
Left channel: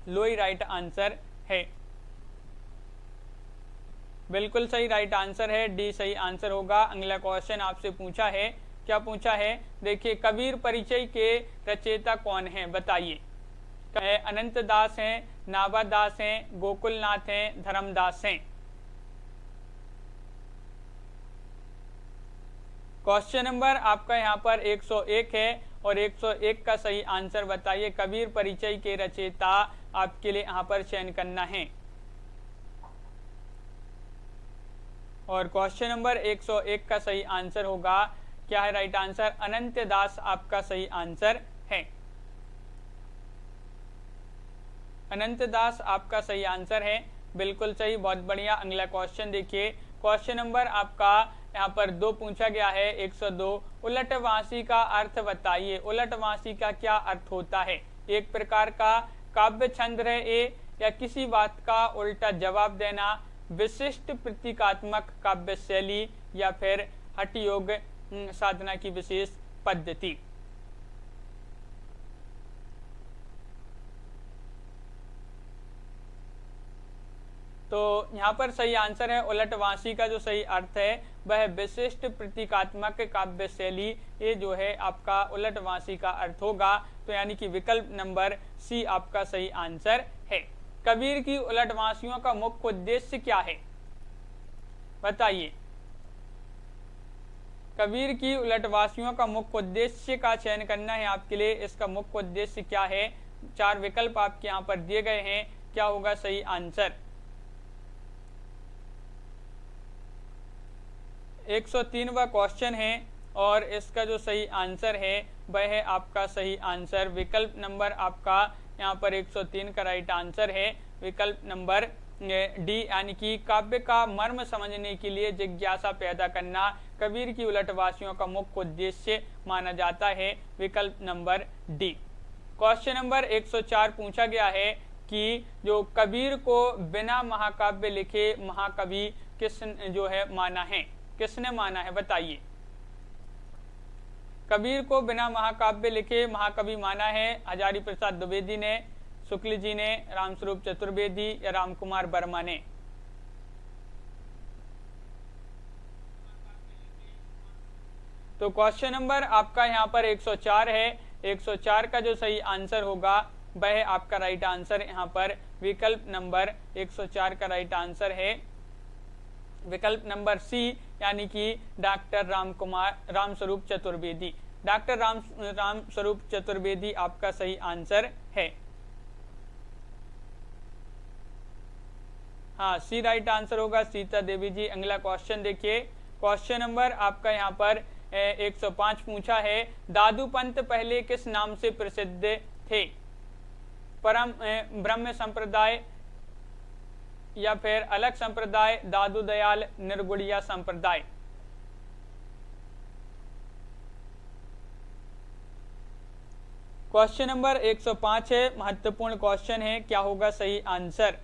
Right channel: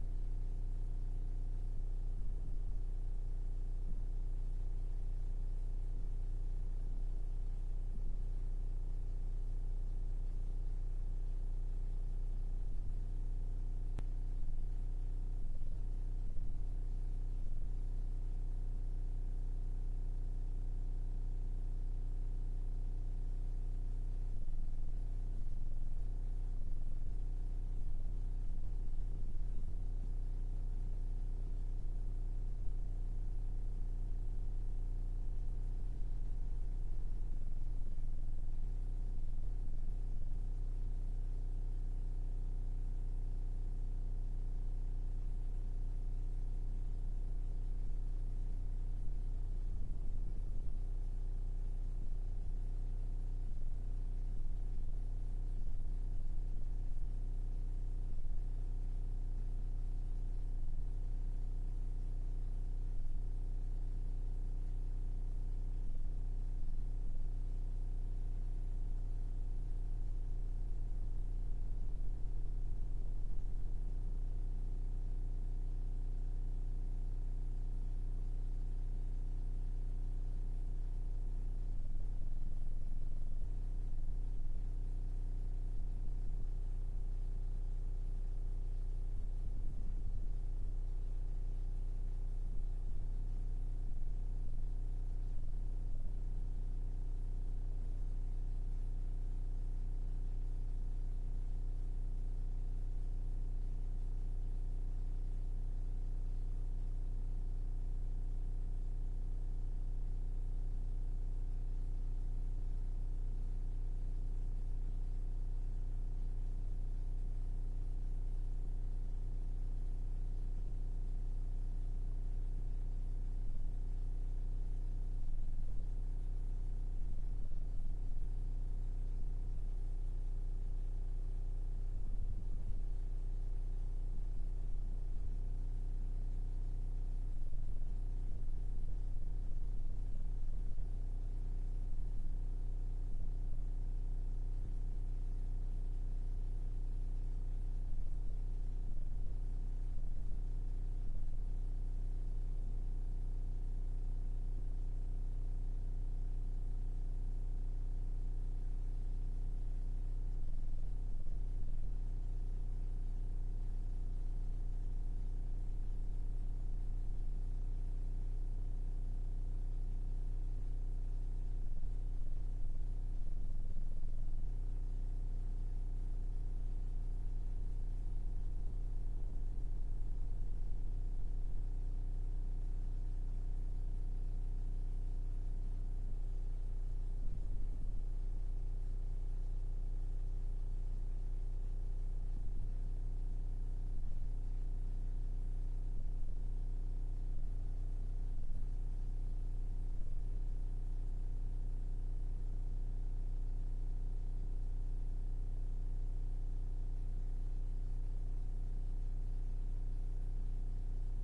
लोई राइट आंसर है। बिल्कुल सही राइट आंसर है, डी सही आंसर होगा। अगला क्वेश्चन आपसे पूछा है, क्या पूछा है देखिए, कबीर परिचय के रचयिता कौन है? बताइए। अनंत दास हैं, नाभा दास हैं, गोकुलनाथ हैं, धर्मदास हैं। क्वेश्चन नंबर आपका यहाँ पर 101 है और 101 का सही आंसर बताइए। कबीर परिचय के रचयिता आपके लिए यहाँ पर चयन करना है। और क्वेश्चन नंबर 101 का सही आंसर होगा, क्या है राइट आंसर? अनंत दास आपका सही आंसर है। अनंत दास आपका सही आंसर है, बिल्कुल सही, बहुत बढ़िया। अगला क्वेश्चन देखिए, क्वेश्चन नंबर आपका यहाँ पर 2 पूछा गया है, 102। उलटवासी का अर्थ बताइए। उलटवासी का क्या अर्थ होता है? एक प्रकार का काव्य छंद है ये, या किसी बात का उल्टा जवाब देना, विशिष्ट प्रतीकात्मक काव्य शैली, या फिर हठयोग साधना की विशेष पद्धति। तो यहाँ पर सही आंसर है उलटवासी का जो सही अर्थ है वह विशिष्ट प्रतीकात्मक काव्य शैली, ये जो है आपका उलटवासी का अर्थ होगा। तो यानी कि विकल्प नंबर सी आपका सही आंसर है। कबीर की उलटवासियों का मुख्य उद्देश्य क्या है, बताइए। कबीर की उलटवासियों का मुख्य उद्देश्य का चयन करना है आपके लिए। इसका मुख्य उद्देश्य क्या है, 4 विकल्प आपके यहाँ पर दिए गए हैं, क्या होगा सही आंसर। 103वां क्वेश्चन है और इसका जो सही आंसर है वह है आपका सही आंसर विकल्प नंबर आपका यहाँ पर 103 का राइट आंसर है विकल्प नंबर डी, यानी कि काव्य का मर्म समझने के लिए जिज्ञासा पैदा करना कबीर की उलटवासियों का मुख्य उद्देश्य माना जाता है, विकल्प नंबर डी। क्वेश्चन नंबर 104 पूछा गया है कि जो कबीर को बिना महाकाव्य लिखे महाकवि किस जो है माना है, किसने माना है, बताइए। कबीर को बिना महाकाव्य लिखे महाकवि माना है हजारी प्रसाद द्विवेदी ने, शुक्ल जी ने, रामस्वरूप चतुर्वेदी या रामकुमार वर्मा ने। तो क्वेश्चन नंबर आपका यहाँ पर 104 है। 104 का जो सही आंसर होगा वह आपका राइट आंसर यहाँ पर विकल्प नंबर 104 का राइट आंसर है विकल्प नंबर सी, यानी कि डॉक्टर रामस्वरूप चतुर्वेदी। डॉक्टर रामस्वरूप चतुर्वेदी आपका सही आंसर है। हाँ, सी राइट आंसर होगा सीता देवी जी। अगला क्वेश्चन देखिए। क्वेश्चन नंबर आपका यहाँ पर 105 पूछा है, दादू पंत पहले किस नाम से प्रसिद्ध थे, परम ब्रह्म संप्रदाय या फिर अलग संप्रदाय, दादू दयाल, निर्गुणिया संप्रदाय। क्वेश्चन नंबर 105 है, महत्वपूर्ण क्वेश्चन है, क्या होगा सही आंसर।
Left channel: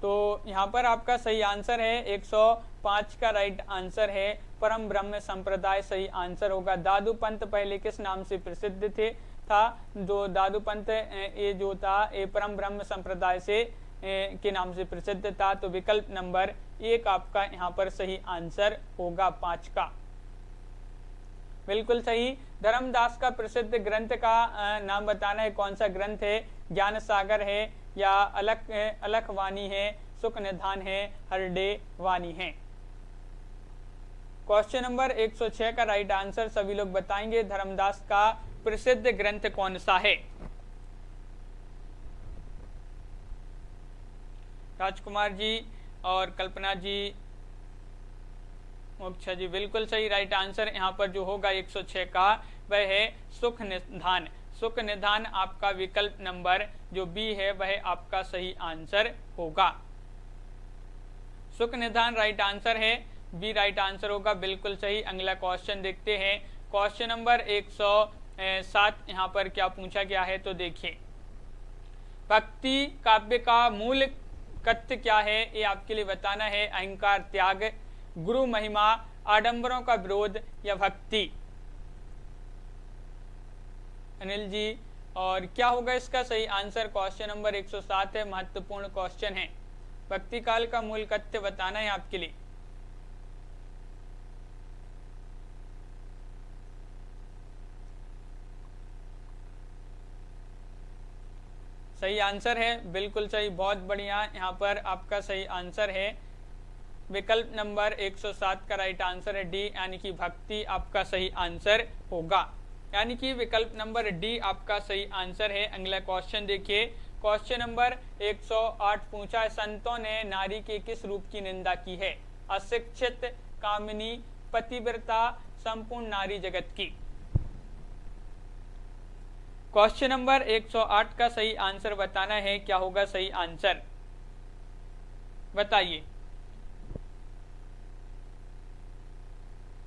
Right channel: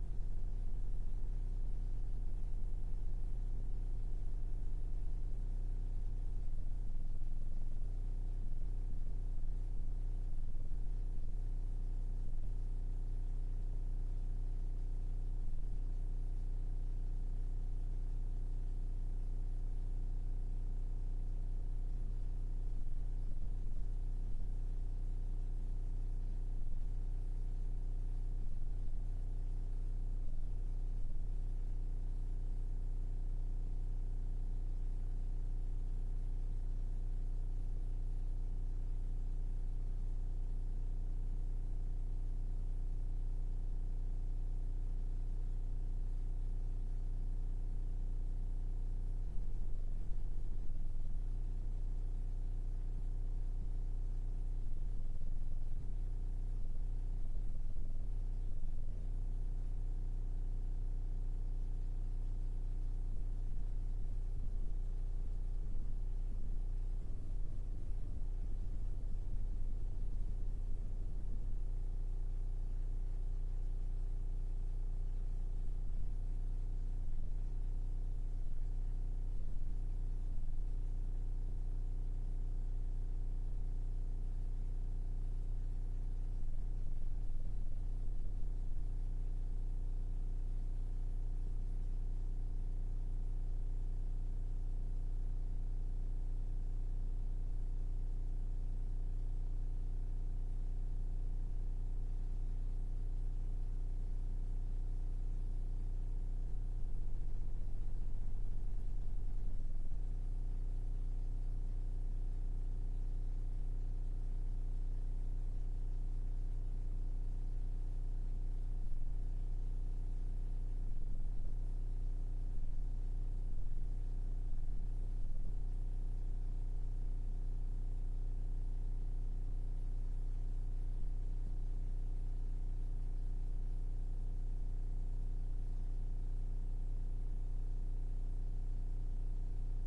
तो यहाँ पर आपका सही आंसर है 105 का राइट आंसर है परम ब्रह्म संप्रदाय सही आंसर होगा। दादू पंत पहले किस नाम से प्रसिद्ध थे था, जो दादू पंत ये जो था ये परम ब्रह्म संप्रदाय से के नाम से प्रसिद्ध था। तो विकल्प नंबर 1 आपका यहाँ पर सही आंसर होगा 5 का, बिल्कुल सही। धर्मदास का प्रसिद्ध ग्रंथ का नाम बताना है, कौन सा ग्रंथ है, ज्ञान सागर है या अलख वाणी है, सुख निधान है, हरडे वाणी है। क्वेश्चन नंबर 106 का राइट आंसर सभी लोग बताएंगे, धर्मदास का प्रसिद्ध ग्रंथ कौन सा है। राजकुमार जी और कल्पना जी, मोक्षा जी, बिल्कुल सही। राइट आंसर यहाँ पर जो होगा 106 का वह है सुख निधान। सुख निधान आपका विकल्प नंबर जो बी है वह आपका सही आंसर होगा। सुख निधान राइट आंसर है, बी राइट आंसर होगा, बिल्कुल सही। अगला क्वेश्चन देखते हैं। क्वेश्चन नंबर 107 यहाँ पर क्या पूछा गया है, तो देखिए। भक्ति काव्य का मूल कथ्य क्या है, ये आपके लिए बताना है। अहंकार त्याग, गुरु महिमा, आडंबरों का विरोध या भक्ति। अनिल जी, और क्या होगा इसका सही आंसर। क्वेश्चन नंबर 107 है, महत्वपूर्ण क्वेश्चन है। भक्ति काल का मूल कथ्य बताना है आपके लिए। सही आंसर है, बिल्कुल सही, बहुत बढ़िया। यहाँ पर आपका सही आंसर है विकल्प नंबर 107 का राइट आंसर है डी, यानी कि भक्ति आपका सही आंसर होगा, यानी कि विकल्प नंबर डी आपका सही आंसर है। अगला क्वेश्चन देखिए। क्वेश्चन नंबर 108 पूछा है, संतों ने नारी के किस रूप की निंदा की है, अशिक्षित, कामिनी, पतिव्रता, संपूर्ण नारी जगत की। क्वेश्चन नंबर 108 का सही आंसर बताना है, क्या होगा सही आंसर, बताइए।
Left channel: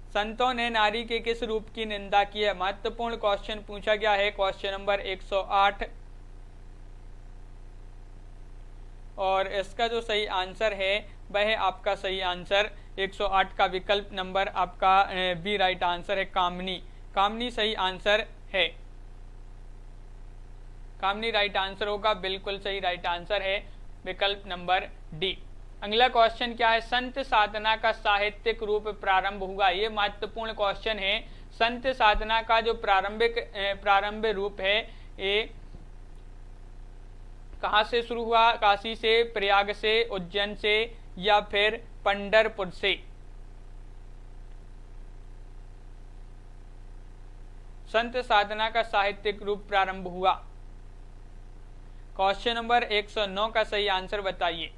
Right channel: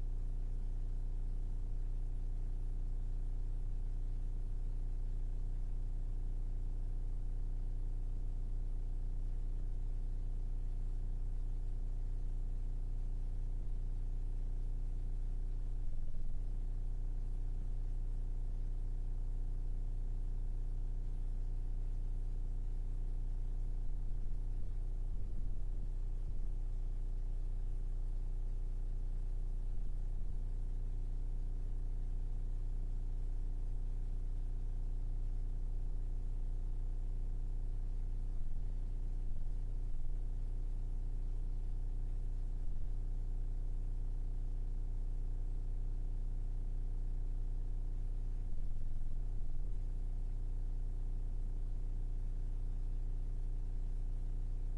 संतों ने नारी के किस रूप की निंदा की है, महत्वपूर्ण क्वेश्चन पूछा गया है। क्वेश्चन नंबर 108 और इसका जो सही आंसर है वह आपका सही आंसर 108 का विकल्प नंबर आपका बी राइट आंसर है, कामनी। कामनी सही आंसर है। कामनी राइट आंसर होगा, बिल्कुल सही राइट आंसर है विकल्प नंबर डी। अगला क्वेश्चन क्या है, संत साधना का साहित्यिक रूप प्रारंभ हुआ। ये महत्वपूर्ण क्वेश्चन है। संत साधना का जो प्रारंभ रूप है ये कहाँ से शुरू हुआ, काशी से, प्रयाग से, उज्जैन से या फिर पंढरपुर से। संत साधना का साहित्यिक रूप प्रारंभ हुआ। क्वेश्चन नंबर 109 का सही आंसर बताइए।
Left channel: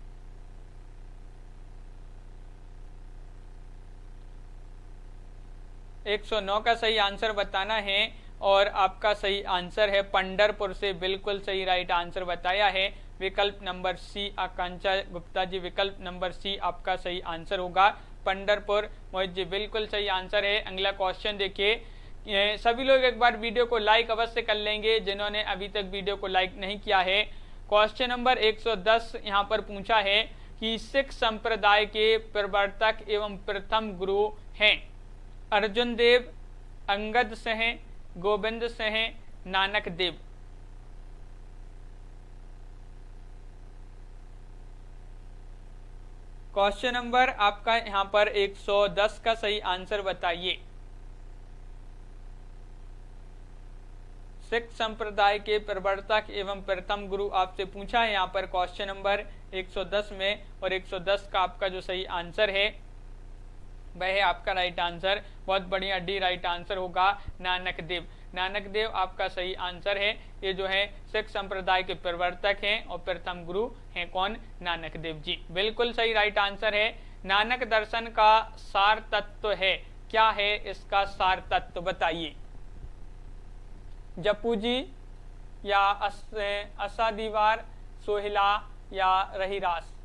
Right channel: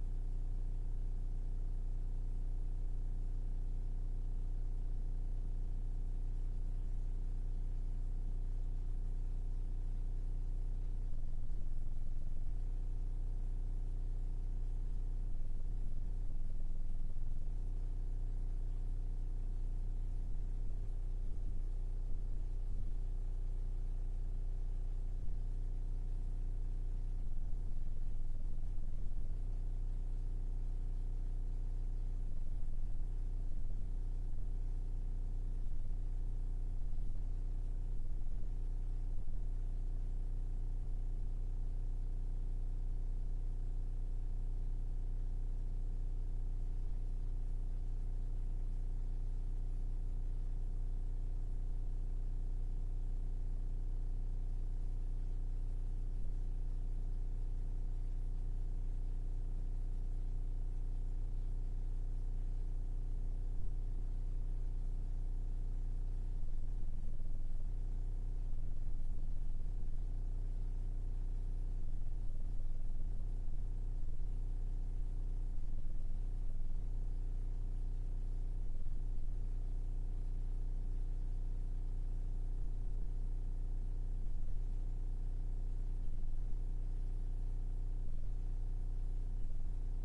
एक 109 का सही आंसर बताना है और आपका सही आंसर है पंढरपुर से, बिल्कुल सही राइट आंसर बताया है विकल्प नंबर सी। आकांक्षा गुप्ता जी, विकल्प नंबर सी आपका सही आंसर होगा, पंढरपुर। मोहित जी, बिल्कुल सही आंसर है। अगला क्वेश्चन देखिए, सभी लोग एक बार वीडियो को लाइक अवश्य कर लेंगे जिन्होंने अभी तक वीडियो को लाइक नहीं किया है। क्वेश्चन नंबर 110 यहाँ पर पूछा है कि सिख संप्रदाय के प्रवर्तक एवं प्रथम गुरु हैं अर्जुन देव, अंगद सिंह, गोविंद सिंह, नानक देव। क्वेश्चन नंबर आपका यहाँ पर 110 का सही आंसर बताइए। सिख संप्रदाय के प्रवर्तक एवं प्रथम गुरु आपसे पूछा है यहाँ पर क्वेश्चन नंबर 110 में, और 110 का आपका जो सही आंसर है वह है आपका राइट आंसर। बहुत बढ़िया, डी राइट आंसर होगा, नानक देव। नानक देव आपका सही आंसर है। ये जो है सिख संप्रदाय के प्रवर्तक हैं और प्रथम गुरु हैं कौन, नानक देव जी, बिल्कुल सही राइट आंसर है। नानक दर्शन का सार तत्व है, क्या है इसका सार तत्व बताइए। जपू जी या असा दीवार, सोहिला या रहीरास।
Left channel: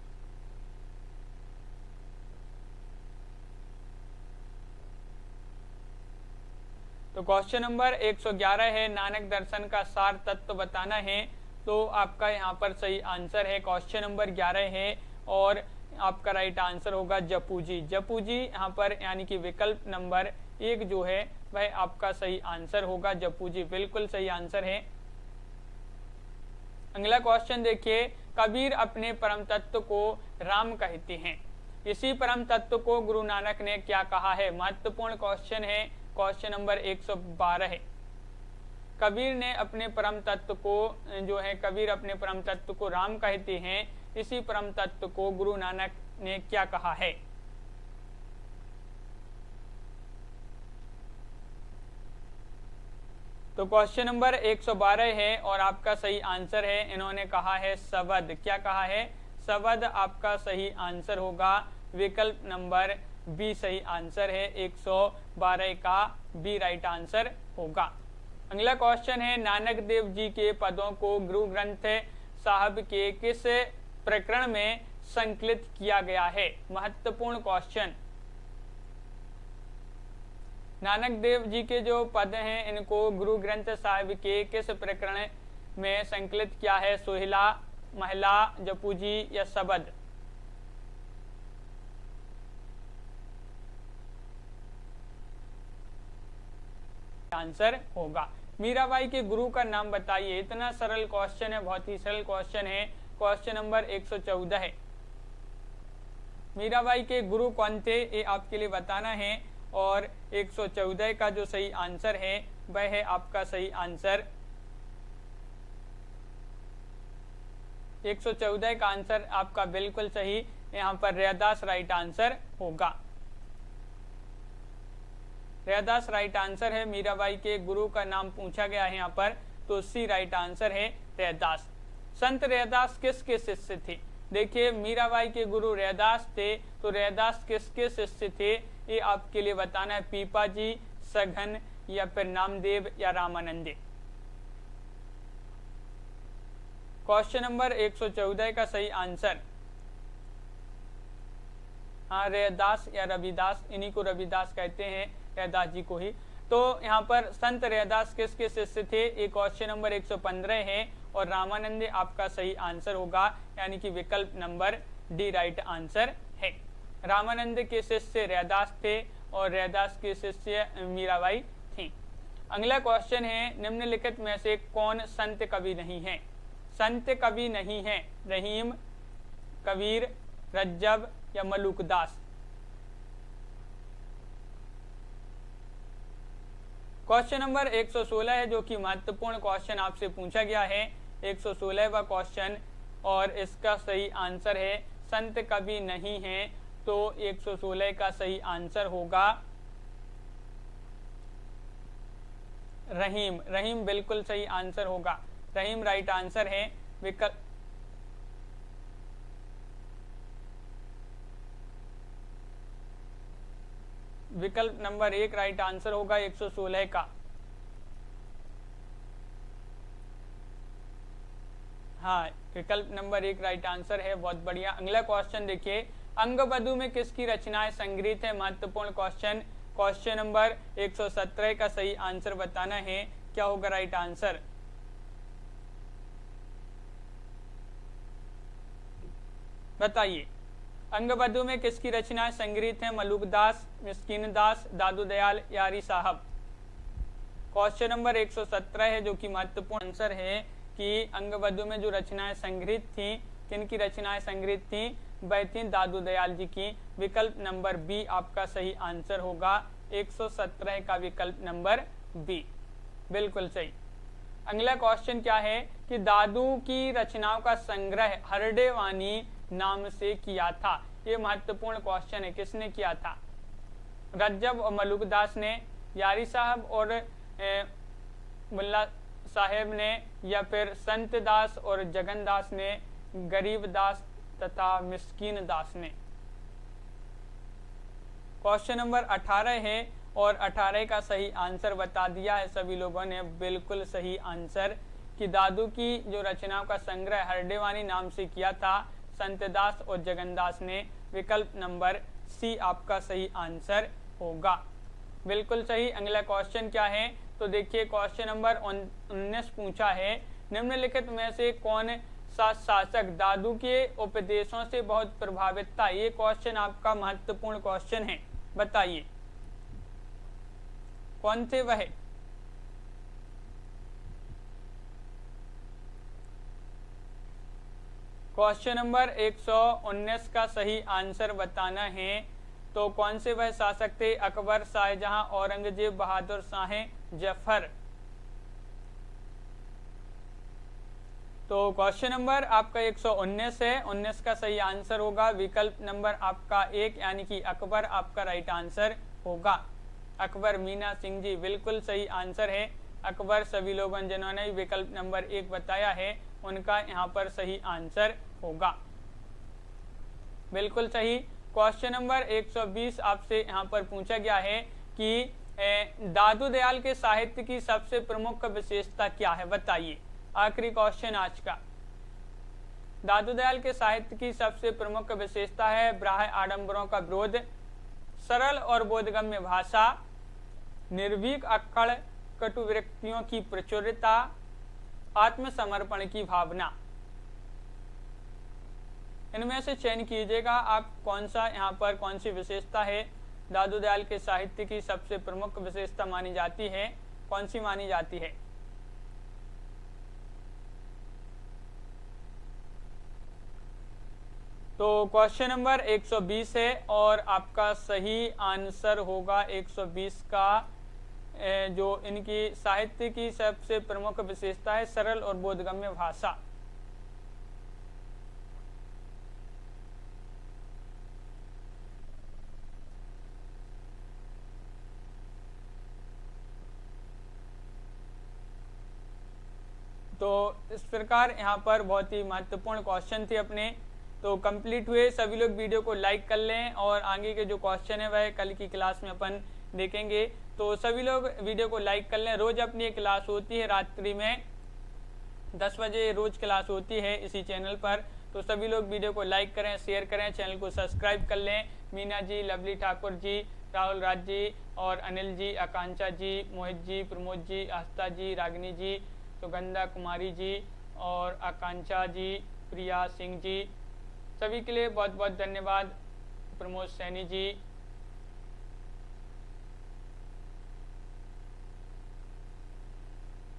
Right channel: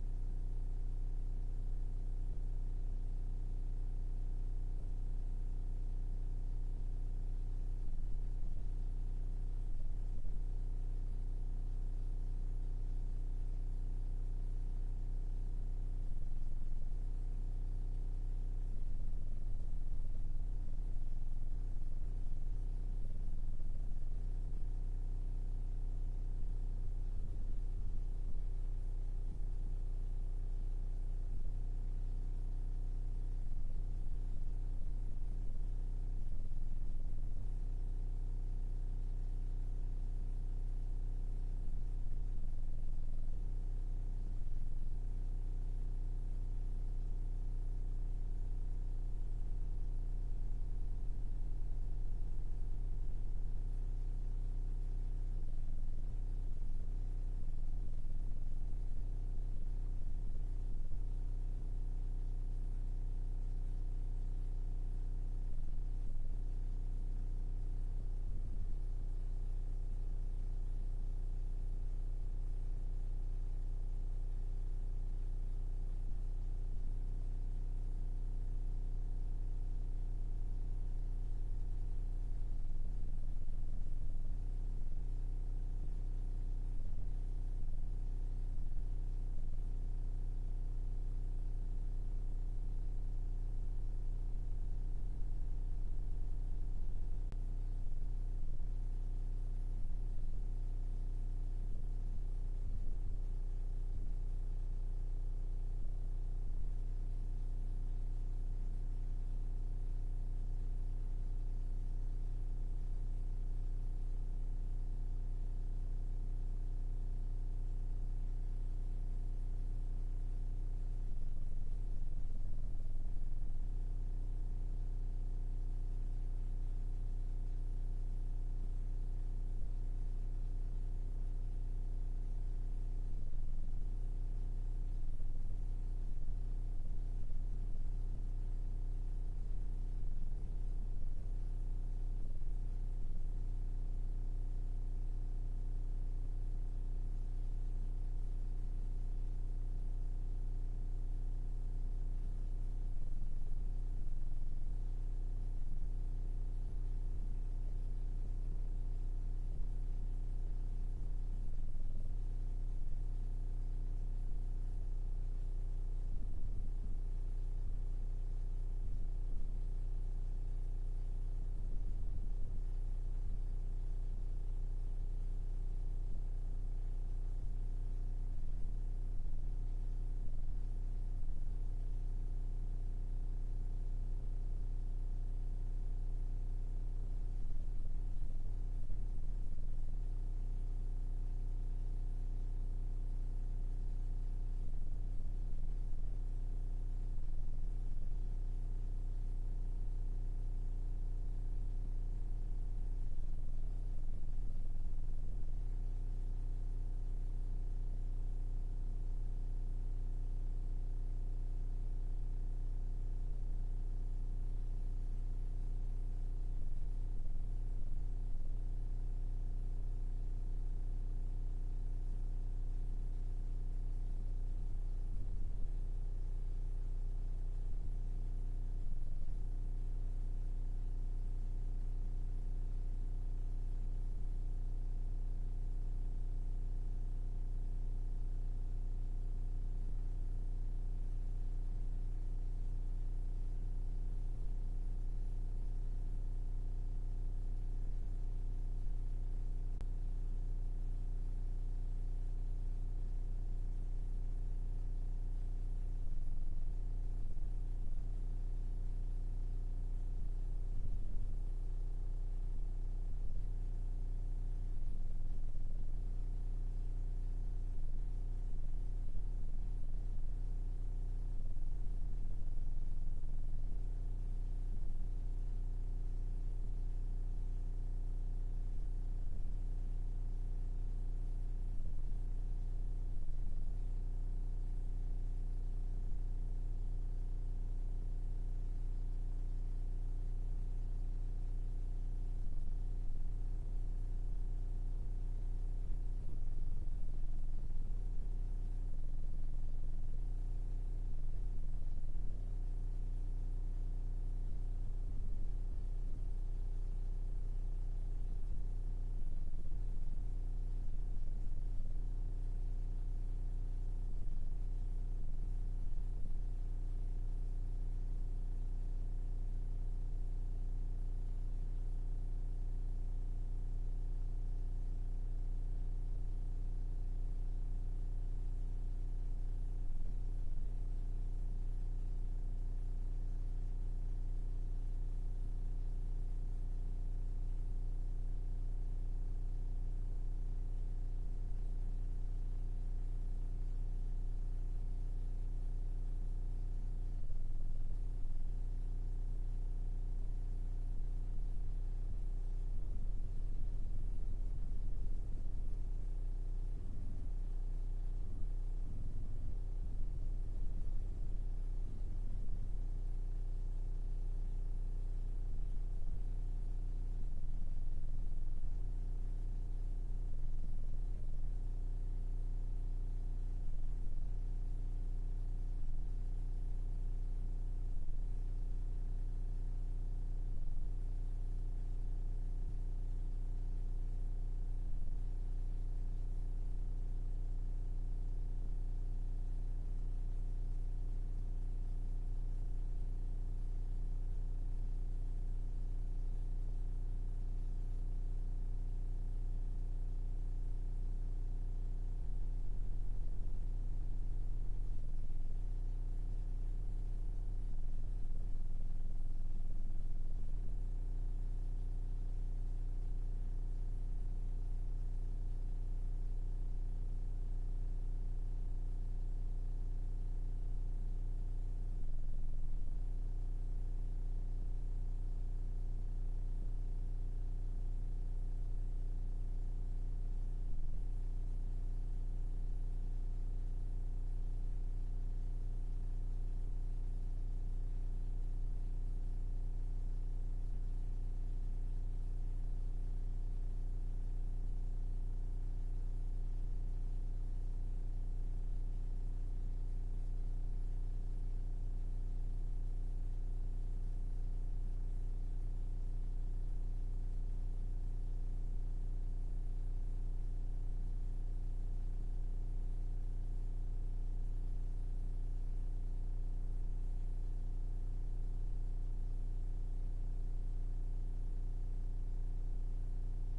तो क्वेश्चन नंबर 111 है, नानक दर्शन का सार तत्व बताना है। तो आपका यहाँ पर सही आंसर है क्वेश्चन नंबर 11 है और आपका राइट आंसर होगा जपू जी। जपू जी यहाँ पर यानी कि विकल्प नंबर 1 जो है वह आपका सही आंसर होगा, जपू जी, बिल्कुल सही आंसर है। अगला क्वेश्चन देखिए, कबीर अपने परम तत्व को राम कहते हैं, इसी परम तत्व को गुरु नानक ने क्या कहा है। महत्वपूर्ण क्वेश्चन है, क्वेश्चन नंबर 112 है। कबीर ने अपने परम तत्व को जो है, कबीर अपने परम तत्व को राम कहते हैं, इसी परम तत्व को गुरु नानक ने क्या कहा है। तो क्वेश्चन नंबर 112 है और आपका सही आंसर है, इन्होंने कहा है शब्द। क्या कहा है, शब्द आपका सही आंसर होगा, विकल्प नंबर बी सही आंसर है। 112 का बी राइट आंसर होगा। अगला क्वेश्चन है, नानक देव जी के पदों को गुरु ग्रंथ साहब के किस प्रकरण में संकलित किया गया है। महत्वपूर्ण क्वेश्चन, नानक देव जी के जो पद हैं इनको गुरु ग्रंथ साहिब के किस प्रकरण में संकलित किया है। सोहिला, महिला, जपू जी या शब्द। आंसर होगा। मीराबाई के गुरु का नाम बताइए। इतना सरल क्वेश्चन है, बहुत ही सरल क्वेश्चन है। क्वेश्चन नंबर 114 है, मीराबाई के गुरु कौन थे ये आपके लिए बताना है और 114 का जो सही आंसर है वह है आपका सही आंसर। 114 का आंसर आपका बिल्कुल सही, यहाँ पर रैदास राइट आंसर होगा। रैदास राइट आंसर है। मीराबाई के गुरु का नाम पूछा गया है यहाँ पर, तो सी राइट आंसर है रैदास। संत रैदास किसके शिष्य थे। देखिए मीराबाई के गुरु रैदास थे, तो रैदास किसके शिष्य थे ये आपके लिए बताना है। पीपा जी, सघन या फिर नामदेव या रामानंदे। क्वेश्चन नंबर 114 का सही आंसर हाँ रैदास या रविदास, इन्हीं को रविदास कहते हैं, रैदास जी को ही। तो यहाँ पर संत रैदास किसके शिष्य थे, ये क्वेश्चन नंबर 115 है और रामानंद आपका सही आंसर होगा, यानी कि विकल्प नंबर डी राइट आंसर है। रामानंद के शिष्य रैदास थे और रैदास के शिष्य मीराबाई थी। अगला क्वेश्चन है, निम्नलिखित में से कौन संत कवि नहीं है? संत कवि नहीं है, रहीम, कबीर, रज्जब या मलूकदास। क्वेश्चन नंबर 116 है, जो कि महत्वपूर्ण क्वेश्चन आपसे पूछा गया है, 116वां क्वेश्चन, और इसका सही आंसर है संत कवि नहीं है। तो 116 का सही आंसर होगा रहीम। रहीम बिल्कुल सही आंसर होगा, रहीम राइट आंसर है। विकल्प नंबर 1 राइट आंसर होगा 116 का। हाँ, विकल्प नंबर 1 राइट आंसर है, बहुत बढ़िया। अगला क्वेश्चन देखिए, अंगबधू में किसकी रचनाएं संग्रहित है? महत्वपूर्ण क्वेश्चन। क्वेश्चन नंबर 117 का सही आंसर बताना है, क्या होगा राइट आंसर? बताइए, अंगबधू में किसकी रचनाएं संग्रहित हैं? मलूकदास, मिस्कीनदास, दादू दयाल, यारी साहब। क्वेश्चन नंबर 117 है, जो कि महत्वपूर्ण आंसर है कि अंगबधू में जो रचनाएं संग्रहित थी, किनकी रचनाएं संग्रहित थी? वह थी दादू दयाल जी की। विकल्प नंबर बी आपका सही आंसर होगा, 117 का विकल्प नंबर बी बिल्कुल सही। अगला क्वेश्चन क्या है कि दादू की रचनाओं का संग्रह हरडेवानी नाम से किया था। ये महत्वपूर्ण क्वेश्चन है, किसने किया था? रज्जब और मलूकदास ने, यारी साहब और मुल्ला साहेब ने, या फिर संत दास और जगनदास ने, गरीब दास तथा मिस्कीन दास ने। क्वेश्चन नंबर 18 है और 18 का सही आंसर बता दिया है सभी लोगों ने, बिल्कुल सही आंसर कि दादू की जो रचनाओं का संग्रह हरडेवानी नाम से किया था संतदास और जगनदास ने। विकल्प नंबर सी आपका सही आंसर होगा, बिल्कुल सही। अगला क्वेश्चन क्या है? तो देखिए, क्वेश्चन नंबर 19 पूछा है, निम्नलिखित में से कौन सा शासक दादू के उपदेशों से बहुत प्रभावित था? ये क्वेश्चन आपका महत्वपूर्ण क्वेश्चन है, बताइए कौन थे वह? क्वेश्चन नंबर 119 का सही आंसर बताना है। तो कौन से वह शासक थे? अकबर, शाहजहां, औरंगजेब, बहादुर शाह जफर। तो क्वेश्चन नंबर आपका 119 है, 19 का सही आंसर होगा विकल्प नंबर आपका 1 यानी कि अकबर आपका राइट आंसर होगा। अकबर मीना सिंह जी बिल्कुल सही आंसर है। अकबर सभी लोगों जिन्होंने विकल्प नंबर 1 बताया है उनका यहाँ पर सही आंसर होगा, बिल्कुल सही। क्वेश्चन नंबर 120 आपसे यहाँ पर पूछा गया है कि दादू दयाल के साहित्य की सबसे प्रमुख विशेषता क्या है? बताइए, आखिरी क्वेश्चन आज का। दादू दयाल के साहित्य की सबसे प्रमुख विशेषता है ब्राह्य आडंबरों का विरोध, सरल और बोधगम्य भाषा, निर्भीक अक्कड़ कटु व्यक्तियों की प्रचुरता, आत्मसमर्पण की भावना। इनमें से चयन कीजिएगा आप कौन सा यहाँ पर कौन सी विशेषता है दादू दयाल के साहित्य की सबसे प्रमुख विशेषता मानी जाती है, कौन सी मानी जाती है? तो क्वेश्चन नंबर 120 है और आपका सही आंसर होगा 120 का। जो इनकी साहित्य की सबसे प्रमुख विशेषता है सरल और बोधगम्य भाषा। तो इस प्रकार यहाँ पर बहुत ही महत्वपूर्ण क्वेश्चन थे अपने, तो कंप्लीट हुए। सभी लोग वीडियो को लाइक कर लें और आगे के जो क्वेश्चन है वह कल की क्लास में अपन देखेंगे। तो सभी लोग वीडियो को लाइक कर लें। रोज अपनी एक क्लास होती है रात्रि में 10 बजे रोज क्लास होती है इसी चैनल पर। तो सभी लोग वीडियो को लाइक करें, शेयर करें, चैनल को सब्सक्राइब कर लें। मीना जी, लवली ठाकुर जी, राहुल राज जी और अनिल जी, आकांक्षा जी, मोहित जी, प्रमोद जी, आस्था जी, रागिनी जी, सुगंधा कुमारी जी और आकांक्षा जी, प्रिया सिंह जी, सभी के लिए बहुत बहुत धन्यवाद। प्रमोद सैनी जी।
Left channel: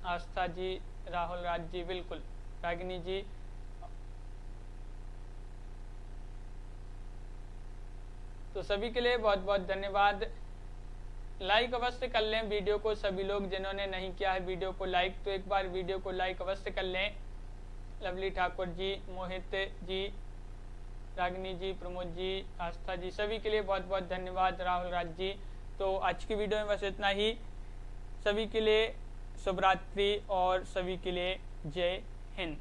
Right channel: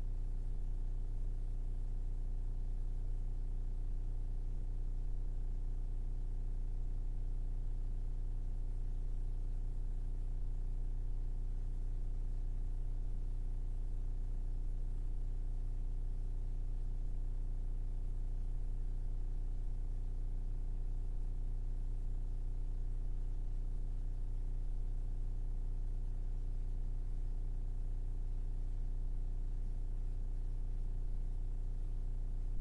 आस्था जी, राहुल राज जी, बिल्कुल, रागिनी जी। तो सभी के लिए बहुत बहुत धन्यवाद। लाइक अवश्य कर लें वीडियो को सभी लोग, जिन्होंने नहीं किया है वीडियो को लाइक, तो एक बार वीडियो को लाइक अवश्य कर लें। लवली ठाकुर जी, मोहित जी, रागिनी जी, प्रमोद जी, आस्था जी, सभी के लिए बहुत बहुत धन्यवाद। राहुल राज जी। तो आज की वीडियो में बस इतना ही। सभी के लिए शुभ रात्रि और सभी के लिए जय हिंद।